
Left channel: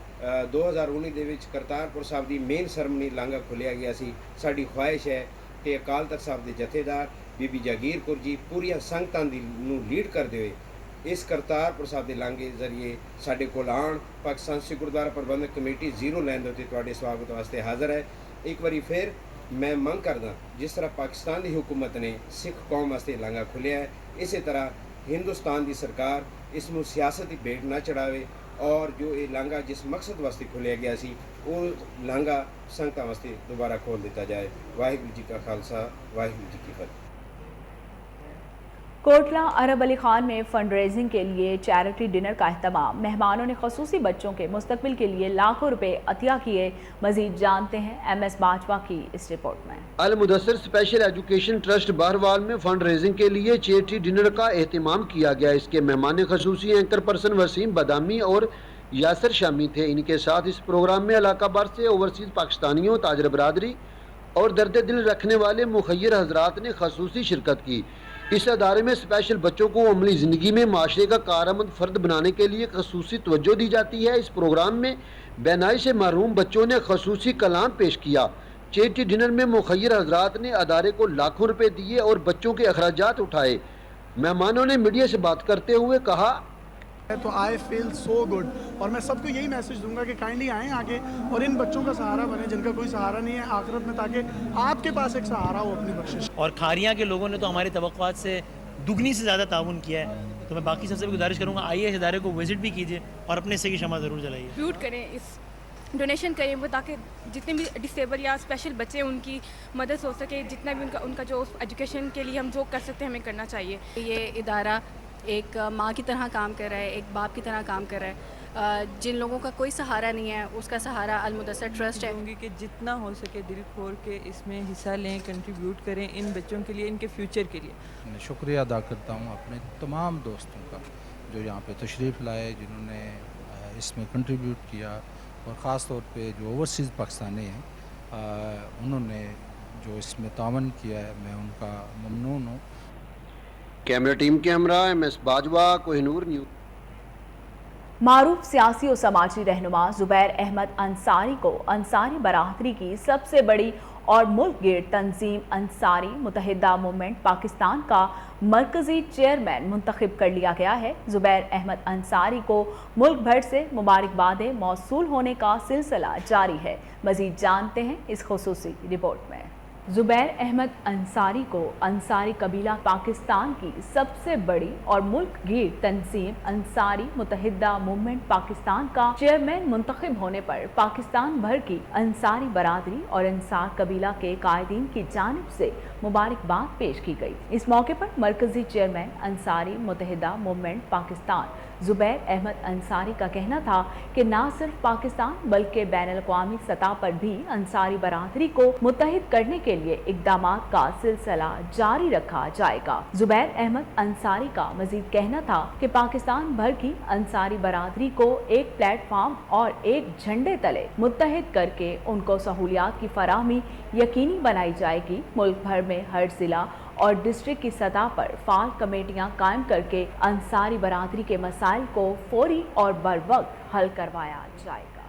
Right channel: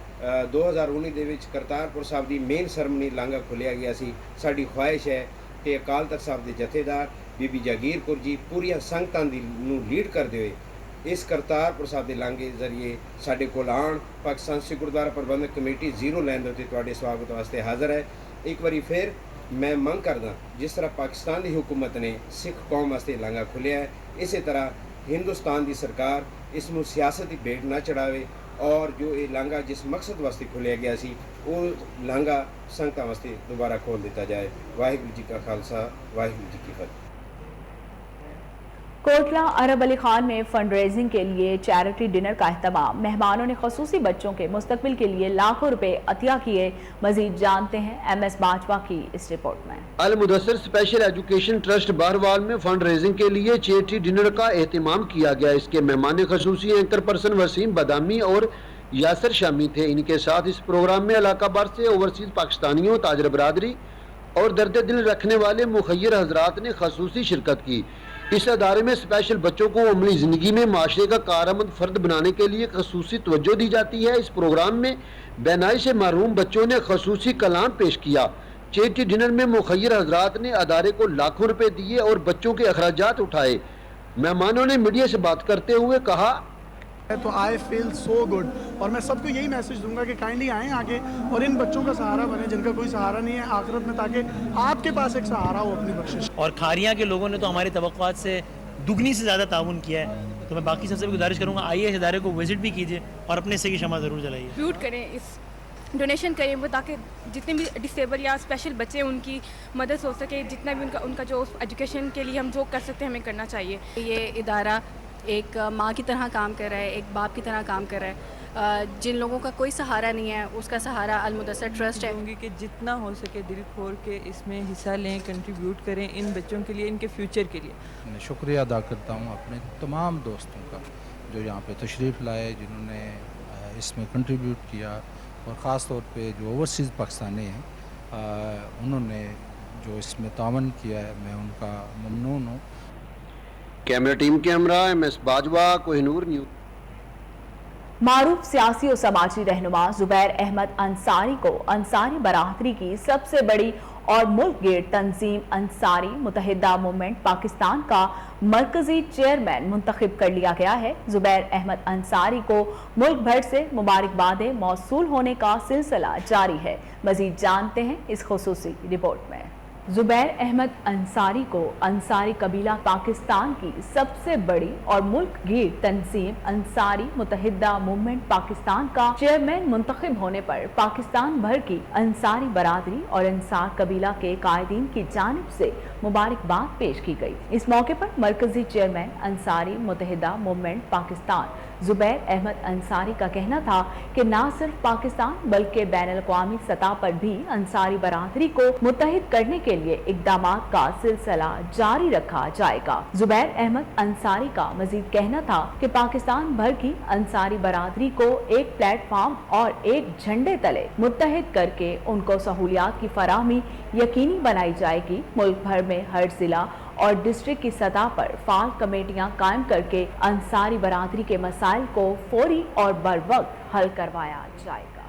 2019 ਦੇ ਵਿੱਚ ਕਰਤਾਰਪੁਰ ਸਾਹਿਬ ਦੀ ਮੇਨ ਸਰਮਨੀ ਲਾਂਘਾ ਖੋਲਿਆ ਗਿਆ ਸੀ। ਸਾਡੀ ਖੁਆਇਸ਼ ਹੈ ਕਿ ਅਕਾਲ ਤਖਤ ਸਾਹਿਬ ਦੇ ਜਥੇਦਾਰ ਬੀਬੀ ਜਾਗੀਰਪੁਰ ਜੀ ਪੂਰੀਆਂ ਸੰਗਤਾਂ ਦੀ ਨੂੰ ਲੀਡ ਕਰਦੇ ਹੋਏ ਇਸ ਕਰਤਾਰਪੁਰ ਸਾਹਿਬ ਦੇ ਲਾਂਘੇ ਦੇ ਜ਼ਰੀਏ ਸਾਡੇ ਕੋਲ ਆਉਣ। ਪਾਕਿਸਤਾਨ ਸਿੱਖ ਗੁਰਦੁਆਰਾ ਪ੍ਰਬੰਧਕ ਕਮੇਟੀ ਜ਼ੀਰੋ ਲਾਈਨ ਦੇ ਉੱਤੇ ਤੁਹਾਡੇ ਸਵਾਗਤ ਵਾਸਤੇ ਹਾਜ਼ਰ ਹੈ। ਇੱਕ ਵਾਰੀ ਫਿਰ ਮੈਂ ਮੰਗ ਕਰਦਾ ਜਿਸ ਤਰ੍ਹਾਂ ਪਾਕਿਸਤਾਨ ਦੀ ਹੁਕੂਮਤ ਨੇ ਸਿੱਖ ਕੌਮ ਵਾਸਤੇ ਲਾਂਘਾ ਖੋਲਿਆ ਹੈ, ਇਸੇ ਤਰ੍ਹਾਂ हिंदुस्तान की सरकार इसमें सियासत की भेंट ना चढ़ावे और जो ये लांघा जिस मकसद वास्ते खोलिया गया सी वो लांघा संगतां वास्ते दोबारा खोल दिता जाए। वाहिगुरू जी का खालसा वाहिगुरू जी की फतेह। कोटला अरब अली खान में फंड रेजिंग के लिए चैरिटी डिनर का एहतमाम। मेहमानों ने खसूसी बच्चों के मुस्तकबिल के लिए लाखों रुपए अतिया किए। मजीद जानते हैं MS बाजवा की इस रिपोर्ट में। Al Mudassir special education trust Barwal में फंड रेजिंग के लिए चैरिटी डिनर का एहतमाम किया गया। इसके मेहमान खसूसी एंकर पर्सन वसीम बदामी और यासर शामी थे। इनके साथ इस प्रोग्राम में इलाका भर से ओवरसीज पाकिस्तानियों, ताजर बरादरी और दर्द दिल रखने वाले मुखय्यर हजरात ने खसूसी शिरकत की। इस अदारे में स्पेशल बच्चों को अमली ज़िंदगी में माशरे का कारआमद फ़र्द बनाने के लिए खसूसी तवज्जो दी जाती है। इस प्रोग्राम में बेनाई से महरूम बच्चों ने खसूसी कलाम पेश किया। चैरिटी डिनर में मुखय्यर हजरात ने अदारे को लाखों रुपए दिए और बच्चों के अखराजात उठाए। मेहमानों ने मीडिया से बात करते हुए कहा, तो आई फील सो गुड, और मैं सबको यही मैसेज दूंगा कि काइंडली आएँ आगे और इन बच्चों का सहारा बने जिनका कोई सहारा नहीं है आखिरत में, ताकि आपके पास एक सहारा हो अपनी बख्शिश। और खारियाँ के लोगों ने तो हमारी तवक्कुआत से दुगनी से ज़्यादा ताउन किया है, तो मैं बाकी सबसे भी गुजारिश करूँगा आइए इस इदारे को विजिट भी कीजिए और अपने हिस्से की शमा ज़रूर जलाइए। कंट्रीब्यूट करें, इस डोनेशन करें वो, ताकि जितने भी डिसेबल या स्पेशल बच्चे उनकी मदद हो सके। जितना भी उनका जो एजुकेशन के लिए हम जो कर सकते हैं हमें करना चाहिए। ये इदारा एक माँ की तरह काम कर रहा है, एक बाप की तरह काम कर रहा है। जिन लोगों का कोई सहारा नहीं है उसका सहारा अल मुदस्सिर ट्रस्ट है। चाहूँगी कि जितना हो सके दिल खोल के इसमें हिस्सा लें, कंट्रीब्यूट करें इन बच्चों के लिए, इनके फ्यूचर के लिए। मैं शुक्रिया अदा करता हूँ अपने तमाम दोस्तों का जो यहाँ पे तशरीफ़ लाए, जिन्होंने इसमें कंट्रीब्यूट किया, और ख़ास तौर पे जो ओवरसीज़ पाकिस्तानी हैं उन्होंने जो इसमें तावन किया है, मैं उनका ममनून हूँ। कैमरा टीम के हमरा MS बाजवा, कोहिनूर न्यूज़। मारूफ सियासी और समाजी रहनुमा जुबैर अहमद अंसारी को अंसारी बरादरी की सबसे बड़ी और मुल्क गिर तंजीम अंसारी मुतहिदा मूवमेंट पाकिस्तान का मरकजी चेयरमैन मुंतखब कर लिया गया है। जुबैर अहमद अंसारी को मुल्क भर से मुबारकबादें मौसूल होने का सिलसिला जारी है। मजीद जानते हैं इस खुसूसी रिपोर्ट में। जुबैर अहमद अंसारी को अंसारी कबीला पाकिस्तान की सबसे बड़ी और मुल्क गिर तंजीम अंसारी मुतहिदा मूवमेंट पाकिस्तान का चेयरमैन मुंतखब होने पर पाकिस्तान भर की अंसारी बरादरी और अंसार कबीला के कायदीन की जानिब से मुबारकबाद पेश की गई। इस मौके पर मरकजी चेयरमैन अंसारी मुतहिदा मूवमेंट पाकिस्तान जुबैर अहमद अंसारी का कहना था कि न सिर्फ पाकिस्तान बल्कि बैनुल-अक़वामी सतह पर भी अंसारी बरादरी को मुत्तहिद करने के लिए इक़दामात का सिलसिला जारी रखा जाएगा। जुबैर अहमद अंसारी का मजीद कहना था कि पाकिस्तान भर की अंसारी बरादरी को एक प्लेटफॉर्म और एक झंडे तले मुत्तहिद करके उनको सहूलियात की फराहमी यकीनी बनाई जाएगी। मुल्क भर में हर जिला और डिस्ट्रिक्ट की सतह पर फाल कमेटियां कायम करके अंसारी बरादरी के मसाइल को फौरी और बरवक्त हल करवाया जाएगा।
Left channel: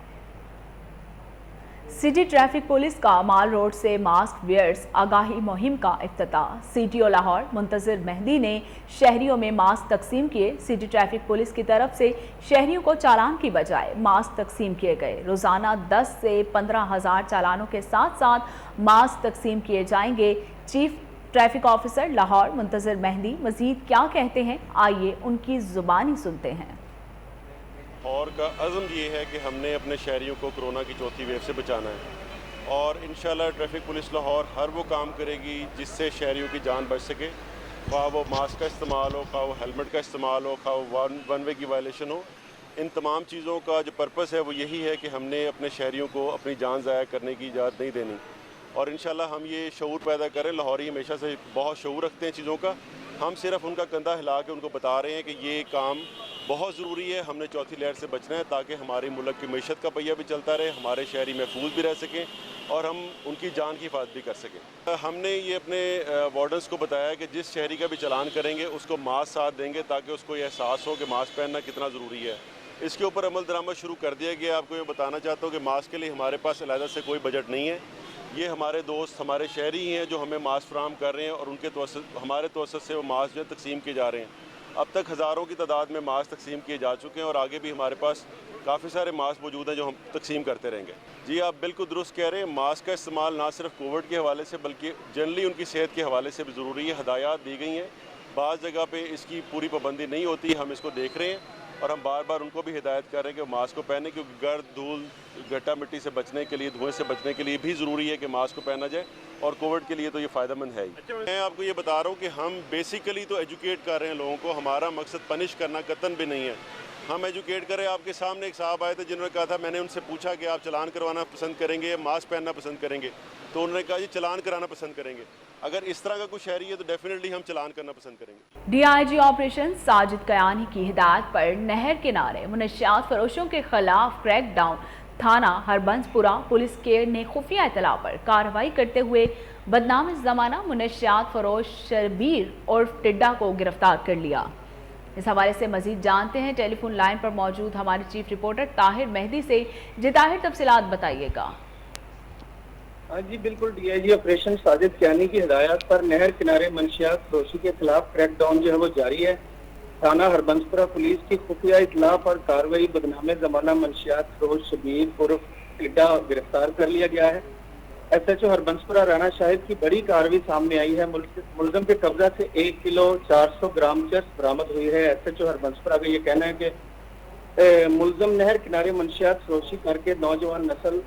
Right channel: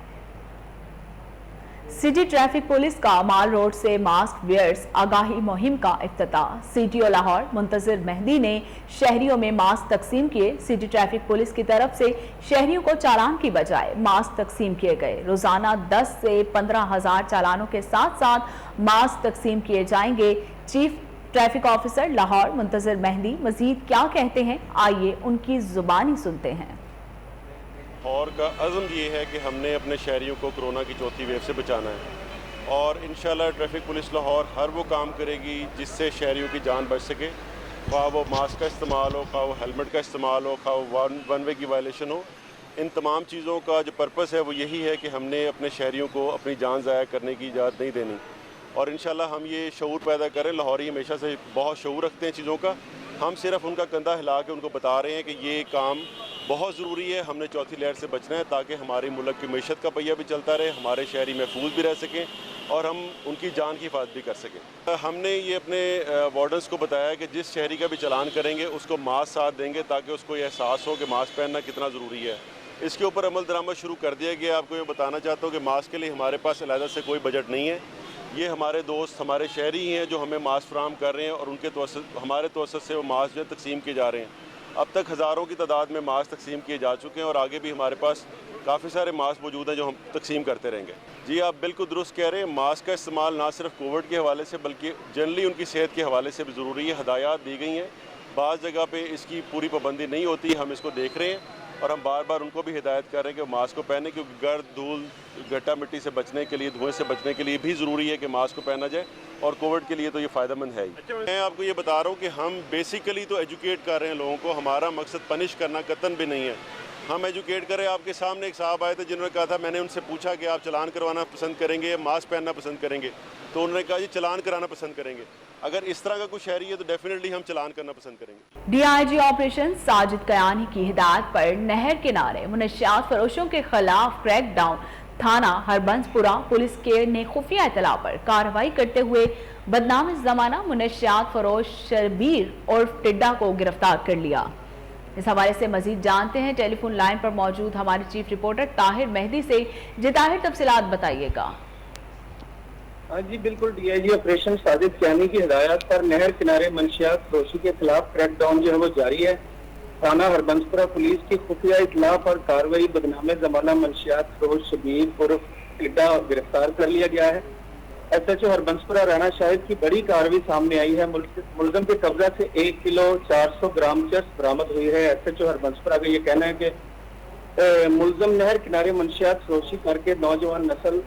सिटी ट्रैफिक पुलिस का माल रोड से मास्क वेयर्स आगाही मुहिम का इफ्तिताह। CTO लाहौर मुंतजिर मेहदी ने शहरियों में मास्क तकसीम किए। सिटी ट्रैफिक पुलिस की तरफ से शहरियों को चालान की बजाय मास्क तकसीम किए गए। रोजाना 10 से 15,000 चालानों के साथ साथ मास्क तकसीम किए जाएंगे। Chief traffic officer Lahore Muntazir Mehdi Majeed क्या कहते हैं, आइए उनकी जुबानी सुनते हैं। और का अज़म ये है कि हमने अपने शहरियों को कोरोना की चौथी वेव से बचाना है और इंशाल्लाह ट्रैफिक पुलिस लाहौर हर वो काम करेगी जिससे शहरियों की जान बच सके। ख्वाह वो मास्क का इस्तेमाल हो, ख्वाह वो हेलमेट का इस्तेमाल हो, ख्वाह वो वन वे की वायलेशन हो। इन तमाम चीज़ों का जो पर्पस है वो यही है कि हमने अपने शहरियों को अपनी जान ज़ाया करने की इजाज़त नहीं देनी और इंशाल्लाह हम ये शऊर पैदा करें। लाहौरी हमेशा से बहुत शऊर रखते हैं चीज़ों का। हम सिर्फ उनका कंधा हिला के उनको बता रहे हैं कि ये काम बहुत ज़रूरी है, हमने चौथी लहर से बचना है ताकि हमारी मुल्क की मीशत का पहिया भी चलता रहे, हमारे शहरी महफूज भी रह सकें और हम उनकी जान की हिफाजत भी कर सकें। हमने ये अपने वार्डन्स को बताया कि जिस शहरी का भी चलान करेंगे उसको मास्क साथ देंगे ताकि उसको ये एहसास हो कि मास्क पहनना कितना ज़रूरी है। इसके ऊपर अमल दरामद शुरू कर दिया गया। आपको ये बताना चाहता हूँ कि मास्क के लिए हमारे पास अलहदा से कोई बजट नहीं है। ये हमारे दोस्त हमारे शहरी ही हैं जो हमें मास्क फराहम कर रहे हैं और उनके हमारे तवसत से वो मास्क जो तकसीम किए जा रहे हैं। अब तक हज़ारों की तादाद में मास्क तकसीम किए जा चुके हैं और आगे भी हमारे पास काफ़ी सारे मास्क मौजूद हैं जो हम तकसीम करते रहेंगे। जी आप बिल्कुल दुरुस्त कह रहे हैं, मास्क का इस्तेमाल ना सिर्फ कोविड के हवाले से बल्कि जनरली उनकी सेहत के हवाले से भी ज़रूरी है। हदायत दी गई हैं, बाज़ जगह पे इसकी पूरी पाबंदी नहीं होती, हम इसको देख रहे हैं और हम बार बार उनको भी हिदायत कर रहे हैं कि मास्क को पहने, क्योंकि गर्द धूल گٹا مٹی سے بچنے کے لیے، دھوئیں سے بچنے کے لیے بھی ضروری ہے کہ ماسک کو پہنا جائے، اور کووڈ کے لیے تو یہ فائدہ مند ہے ہی۔ میں آپ کو یہ بتا رہا ہوں کہ ہم بیسیکلی تو ایجوکیٹ کر رہے ہیں لوگوں کو، ہمارا مقصد پنش کرنا قطعاً بھی نہیں ہے، ہم ایجوکیٹ کر رہے ہیں۔ آپ کے سامنے ایک صاحب آئے تھے جنہوں نے کہا تھا، میں نے ان سے پوچھا کہ آپ چلان کروانا پسند کریں گے یا ماسک پہننا پسند کریں گے، تو انہوں نے کہا جی چلان کرانا پسند کریں گے۔ اگر اس طرح کا کوئی شہری ہے تو ڈیفینیٹلی ہم چلان کرنا پسند کریں گے۔ D I G operation Sajid Kiani کی ہدایت پر نہر کنارے منشیات فروشوں کے خلاف کریک ڈاؤن، تھانہ ہربنس پورہ پولیس کے نے خفیہ اطلاع پر کارروائی کرتے ہوئے بدنام زمانہ منشیات فروش شربیر عرف ٹڈا کو گرفتار کر لیا۔ اس حوالے سے مزید جانتے ہیں ٹیلی فون لائن پر موجود ہمارے چیف رپورٹر طاہر مہدی سے۔ جی طاہر، تفصیلات بتائیے گا۔ جی بالکل، D I G operation Sajid Kiani کی ہدایت پر نہر کنارے منشیات فروشی کے خلاف کریک ڈاؤن جو ہے وہ جاری ہے۔ تھانہ ہربنسپورہ پولیس کی خفیہ اطلاع پر کارروائی بدنام زمانہ منشیات فروش شبیر عرف ٹڈا گرفتار کر لیا گیا ہے۔ ایس ایچ او ہربنسپورہ رانا شاہد کی بڑی کارروائی سامنے آئی ہے۔ ملزم کے قبضہ سے 1 کلو 400 گرام چرس برآمد ہوئی ہے۔ ایس ایچ او ہربنسپورہ کا یہ کہنا ہے کہ ملزم نہر کنارے منشیات فروشی کر کے نوجوان نسل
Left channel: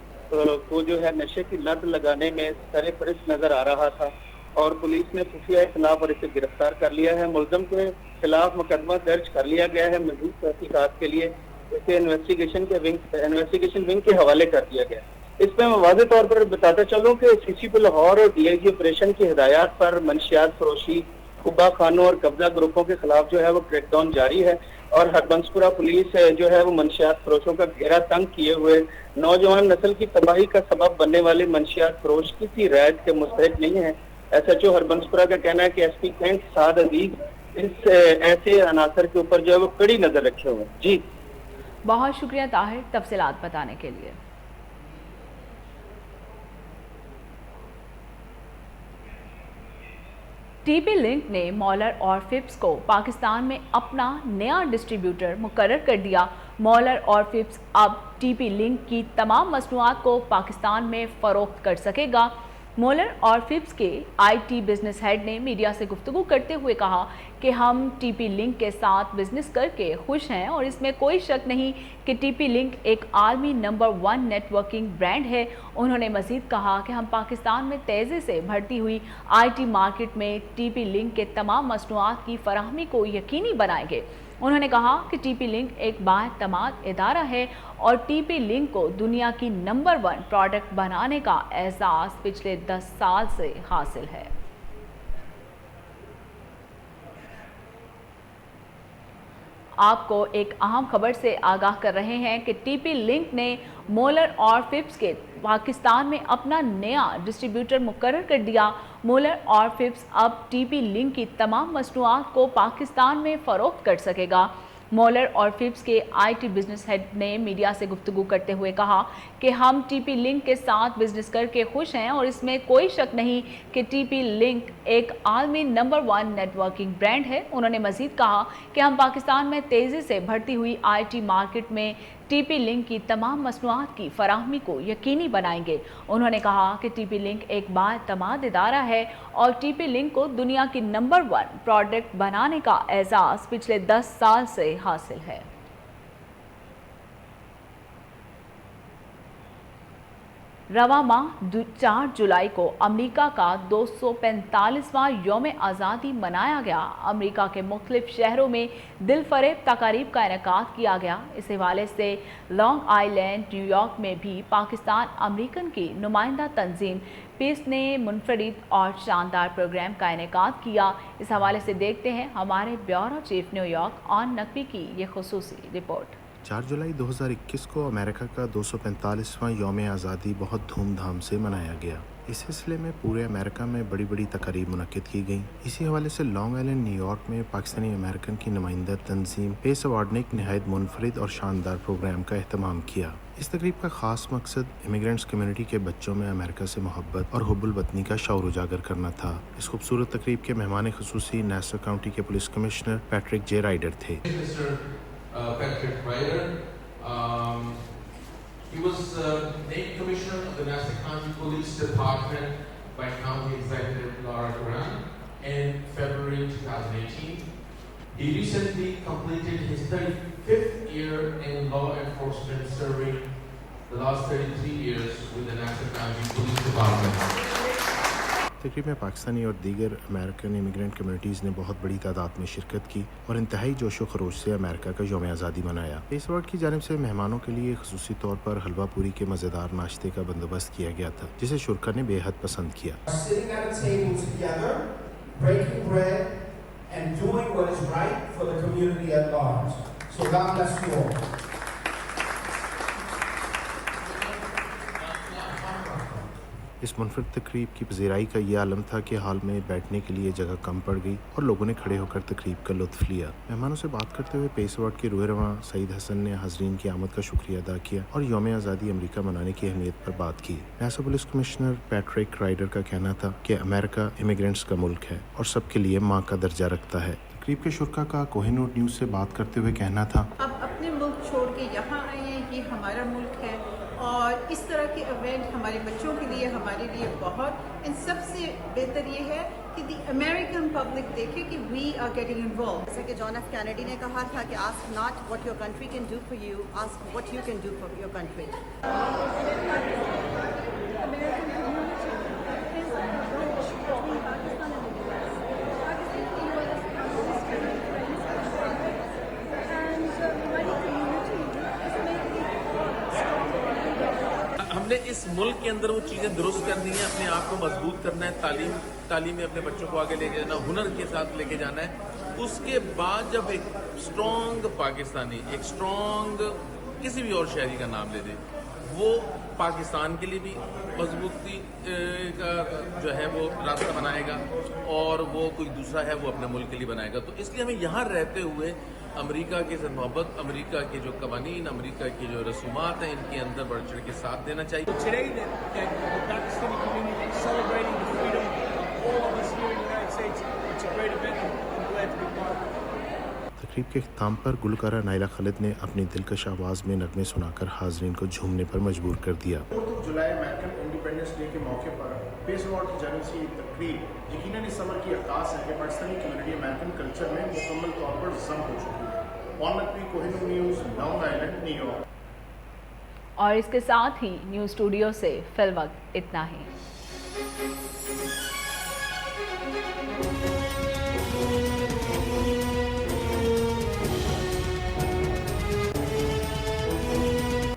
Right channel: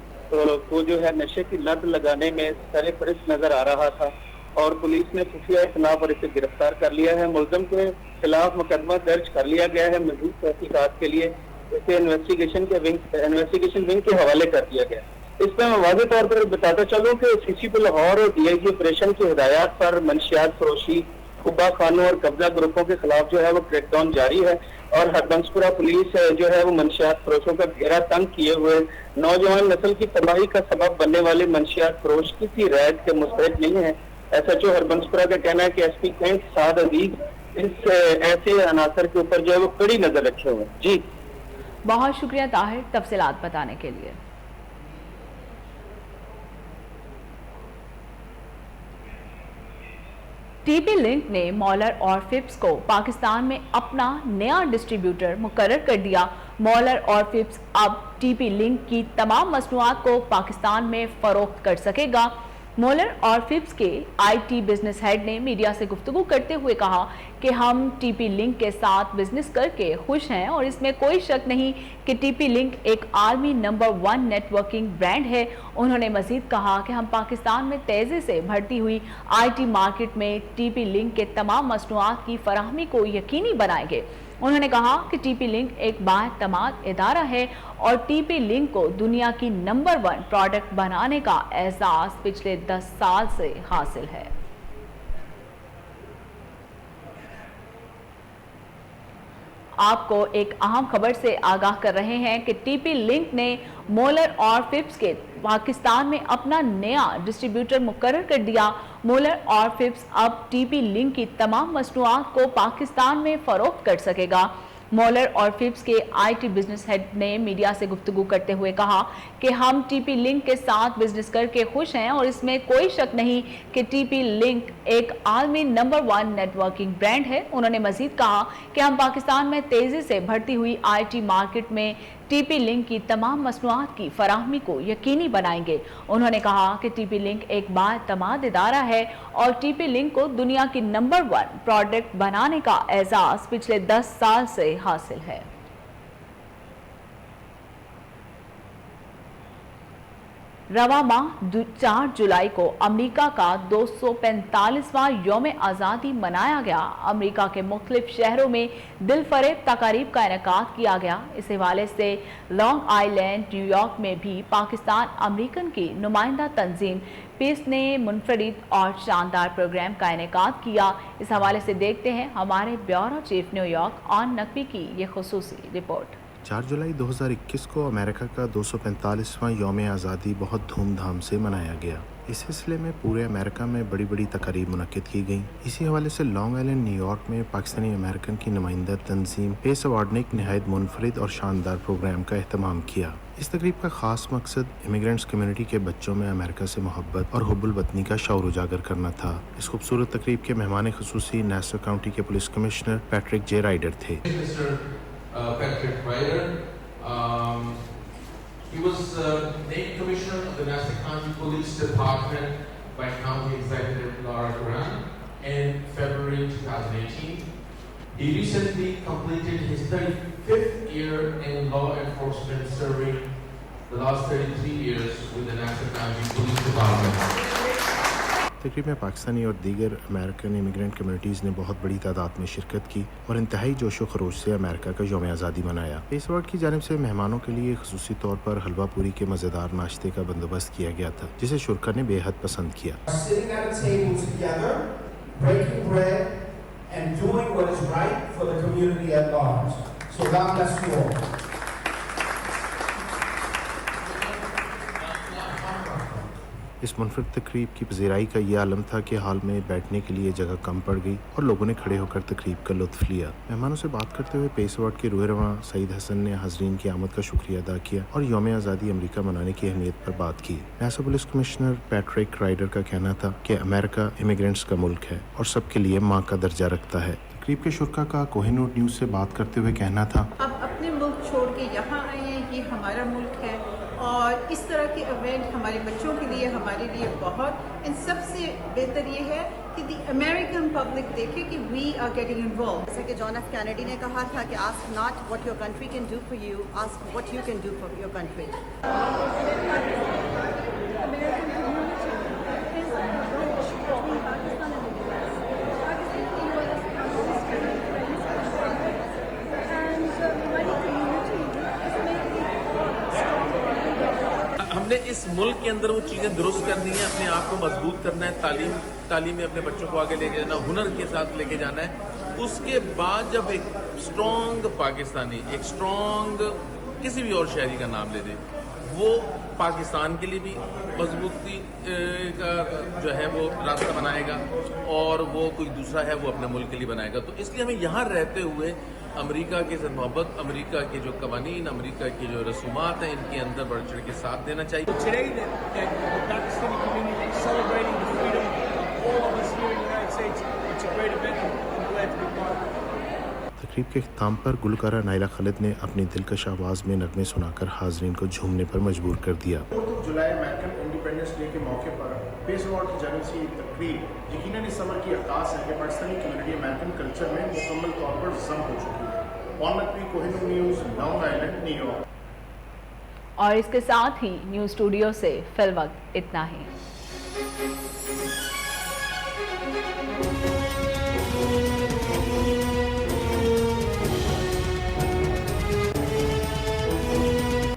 کو جو ہے نشے کی لت لگانے میں سر فہرست نظر آ رہا تھا، اور پولیس نے خفیہ اطلاع پر اسے گرفتار کر لیا ہے۔ ملزم کے خلاف مقدمہ درج کر لیا گیا ہے۔ مزید تحقیقات کے لیے اسے انویسٹیگیشن ونگ کے حوالے کر دیا گیا۔ اس میں میں واضح طور پر بتاتا چلوں کہ سی سی پی لاہور اور ڈی آئی جی آپریشن کی ہدایات پر منشیات فروشی، خبا خانوں اور قبضہ گروپوں کے خلاف جو ہے وہ کریک ڈاؤن جاری ہے، اور ہربنسپورہ پولیس جو ہے وہ منشیات فروشوں کا گھیرا تنگ کیے ہوئے نوجوان نسل کی تباہی کا سبب بننے والے منشیات فروش کسی رعایت کے مستحق نہیں ہے۔ ایس ایچ او ہربنسپورہ کا کہنا ہے کہ ایس پی کینٹ سعد عزیز اس ایسے عناصر کے اوپر جو ہے وہ کڑی نظر رکھے ہوئے ہیں۔ جی بہت شکریہ طاہر تفصیلات بتانے کے لیے۔ ٹی پی لنک نے مولر اور فپس کو پاکستان میں اپنا نیا ڈسٹریبیوٹر مقرر کر دیا۔ مولر اور فپس اب ٹی پی لنک کی تمام مصنوعات کو پاکستان میں فروخت کر سکے گا۔ مولر اور فپس کے آئی ٹی بزنس ہیڈ نے میڈیا سے گفتگو کرتے ہوئے کہا کہ ہم ٹی پی لنک کے ساتھ بزنس کر کے خوش ہیں، اور اس میں کوئی شک نہیں کہ ٹی پی لنک ایک عالمی نمبر 1 نیٹ ورکنگ برانڈ ہے۔ انہوں نے مزید کہا کہ ہم پاکستان میں تیزی سے بڑھتی ہوئی آئی ٹی مارکیٹ میں ٹی پی لنک کے تمام مصنوعات کی فراہمی کو یقینی بنائیں گے۔ انہوں نے کہا کہ ٹی پی لنک ایک بااعتماد ادارہ ہے، اور ٹی پی لنک کو دنیا کی نمبر 1 پروڈکٹ بنانے کا اعزاز پچھلے 10 سال سے حاصل ہے۔ آپ کو ایک اہم خبر سے آگاہ کر رہے ہیں کہ ٹی پی لنک نے مولر اور فپس کے پاکستان میں اپنا نیا ڈسٹریبیوٹر مقرر کر دیا۔ مولر اور فپس اب ٹی پی لنک کی تمام مصنوعات کو پاکستان میں فروخت کر سکے گا۔ مولر اور فپس کے آئی ٹی بزنس ہیڈ نے میڈیا سے گفتگو کرتے ہوئے کہا کہ ہم ٹی پی لنک کے ساتھ بزنس کر کے خوش ہیں، اور اس میں کوئی شک نہیں کہ ٹی پی لنک ایک عالمی نمبر 1 نیٹ ورکنگ برانڈ ہے۔ انہوں نے مزید کہا کہ ہم پاکستان میں تیزی سے بڑھتی ہوئی آئی ٹی مارکیٹ میں ٹی پی لنک کی تمام مصنوعات کی فراہمی کو یقینی بنائیں گے۔ انہوں نے کہا کہ ٹی پی لنک ایک بااعتماد ادارہ ہے، اور ٹی پی لنک کو دنیا کی نمبر 1 پروڈکٹ بنانے کا اعزاز پچھلے 10 سال سے حاصل ہے۔ رواں ماہ 4 جولائی کو امریکہ کا 245واں یوم آزادی منایا گیا۔ امریکہ کے مختلف شہروں میں دل فریب تقاریب کا انعقاد کیا گیا۔ اس حوالے سے لانگ آئی لینڈ، نیو یارک میں بھی پاکستان امریکن کی نمائندہ تنظیم پیس نے منفرد اور شاندار پروگرام کا انعقاد کیا۔ اس حوالے سے دیکھتے ہیں ہمارے بیورو چیف نیو یارک آن نقوی کی یہ خصوصی رپورٹ۔ 4 جولائی 2021 کو امریکہ کا 245واں یوم آزادی بہت دھوم دھام سے منایا گیا۔ اس سلسلے میں پورے امریکہ میں بڑی بڑی تقاریب منعقد کی گئیں۔ اسی حوالے سے لانگ آئلینڈ نیو یارک میں پاکستانی امریکن کی نمائندہ تنظیم پیس ایوارڈ نے ایک نہایت منفرد اور شاندار پروگرام کا اہتمام کیا۔ اس تقریب کا خاص مقصد امیگرینٹس کمیونٹی کے بچوں میں امریکہ سے محبت اور حب الوطنی کا شعور اجاگر کرنا تھا۔ اس خوبصورت تقریب کے مہمان خصوصی نیسر کاؤنٹی کے پولیس کمشنر پیٹرک جے رائڈر تھے۔ Patrick Ryder. He was named Commissioner of the Nassau County Police Department by County Executive Laura Duran in February 2018. He recently completed his 35th year in law enforcement, serving the last 33 years with the Nassau County Police Department. तकरीब में पाकिस्तानी और दीगर American immigrant communities ने बहुत बड़ी तादाद में शिरकत की और इंतहाई जोशो खरोश से अमेरिका का यौम आज़ादी मनाया। पेस वार्ड की जानिब से मेहमानों के लिए खसूसी तौर पर हलवा पूरी के मज़ेदार नाश्ते का बंदोबस्त किया गया था, जिसे शुरा ने बेहद पसंद किया। इस मुनफरद तकरीब की पजीराई का यह आलम था कि हाल में बैठने के लिए जगह कम पड़ गई और लोगों ने खड़े होकर तकरीब का लुत्फ लिया। मेहमानों से बात करते हुए पेस वार्ड के रूह-ए-रवां सईद हसन ने हाज़रीन की आमद का शुक्रिया अदा किया और यौम आज़ादी अमेरिका मनाने की अहमियत पर बात की। Nassau police commissioner Patrick Ryder का कहना था कि अमेरिका इमिग्रेंट्स का मुल्क है और सबके लिए माँ का दर्जा रखता है। तकरीब के शुरा का कोहिनूर न्यूज़ से बात करते हुए कहना था, अब अपने मुल्क छोड़ के यहाँ आए हैं, ये हमारा मुल्क है और इस तरह के इवेंट हमारे बच्चों के लिए, हमारे लिए बहुत, इन सबसे बेहतर ये है कि दी अमेरिकन पब्लिक देखे कि वी आर गेटिंग इन्वॉल्व। जैसा कि जॉन एफ कैनेडी ने कहा था कि ask not what your country can do for you, ask what you can do for your country. हमने इस मुल्क के अंदर वो चीज़ें दुरुस्त करनी है, अपने आप को मजबूत करना है, तालीम में अपने बच्चों को आगे लेके जाना, हुनर के साथ लेके जाना है। उसके बाद जब एक स्ट्रॉन्ग पाकिस्तानी, एक स्ट्रॉन्ग किसी भी और शहरी का नाम ले दे, वो पाकिस्तान के लिए भी मजबूती का जो है वो रास्ता बनाएगा और वो कोई दूसरा है वो अपने मुल्क के लिए बनाएगा। तो इसलिए हमें यहाँ रहते हुए अमेरिका के साथ मोहब्बत, अमेरिका के जो कवानीन, अमेरिका की जो रसूमात हैं, इनके अंदर बढ़ चढ़ के साथ देना चाहिए। तकरीब के अख्ताम पर गुलकारा नायला खालिद ने अपनी दिलकश आवाज़ में नगमे सुनाकर हाज़रीन को झूमने पर मजबूर कर दिया। जुलाई अमेरिकन इंडिपेंडेंस डे के मौके पर पेस अवार्ड की जानिब से ये तकरीब यकीनन इस समर की अक्कास है कि पाकिस्तानी कम्युनिटी अमेरिकन कल्चर में मुकम्मल तौर पर जम हो चुकी है। Kohinoor news, long island, New York. और इसके साथ ही न्यूज़ स्टूडियो से फिल वक्त इतना ही।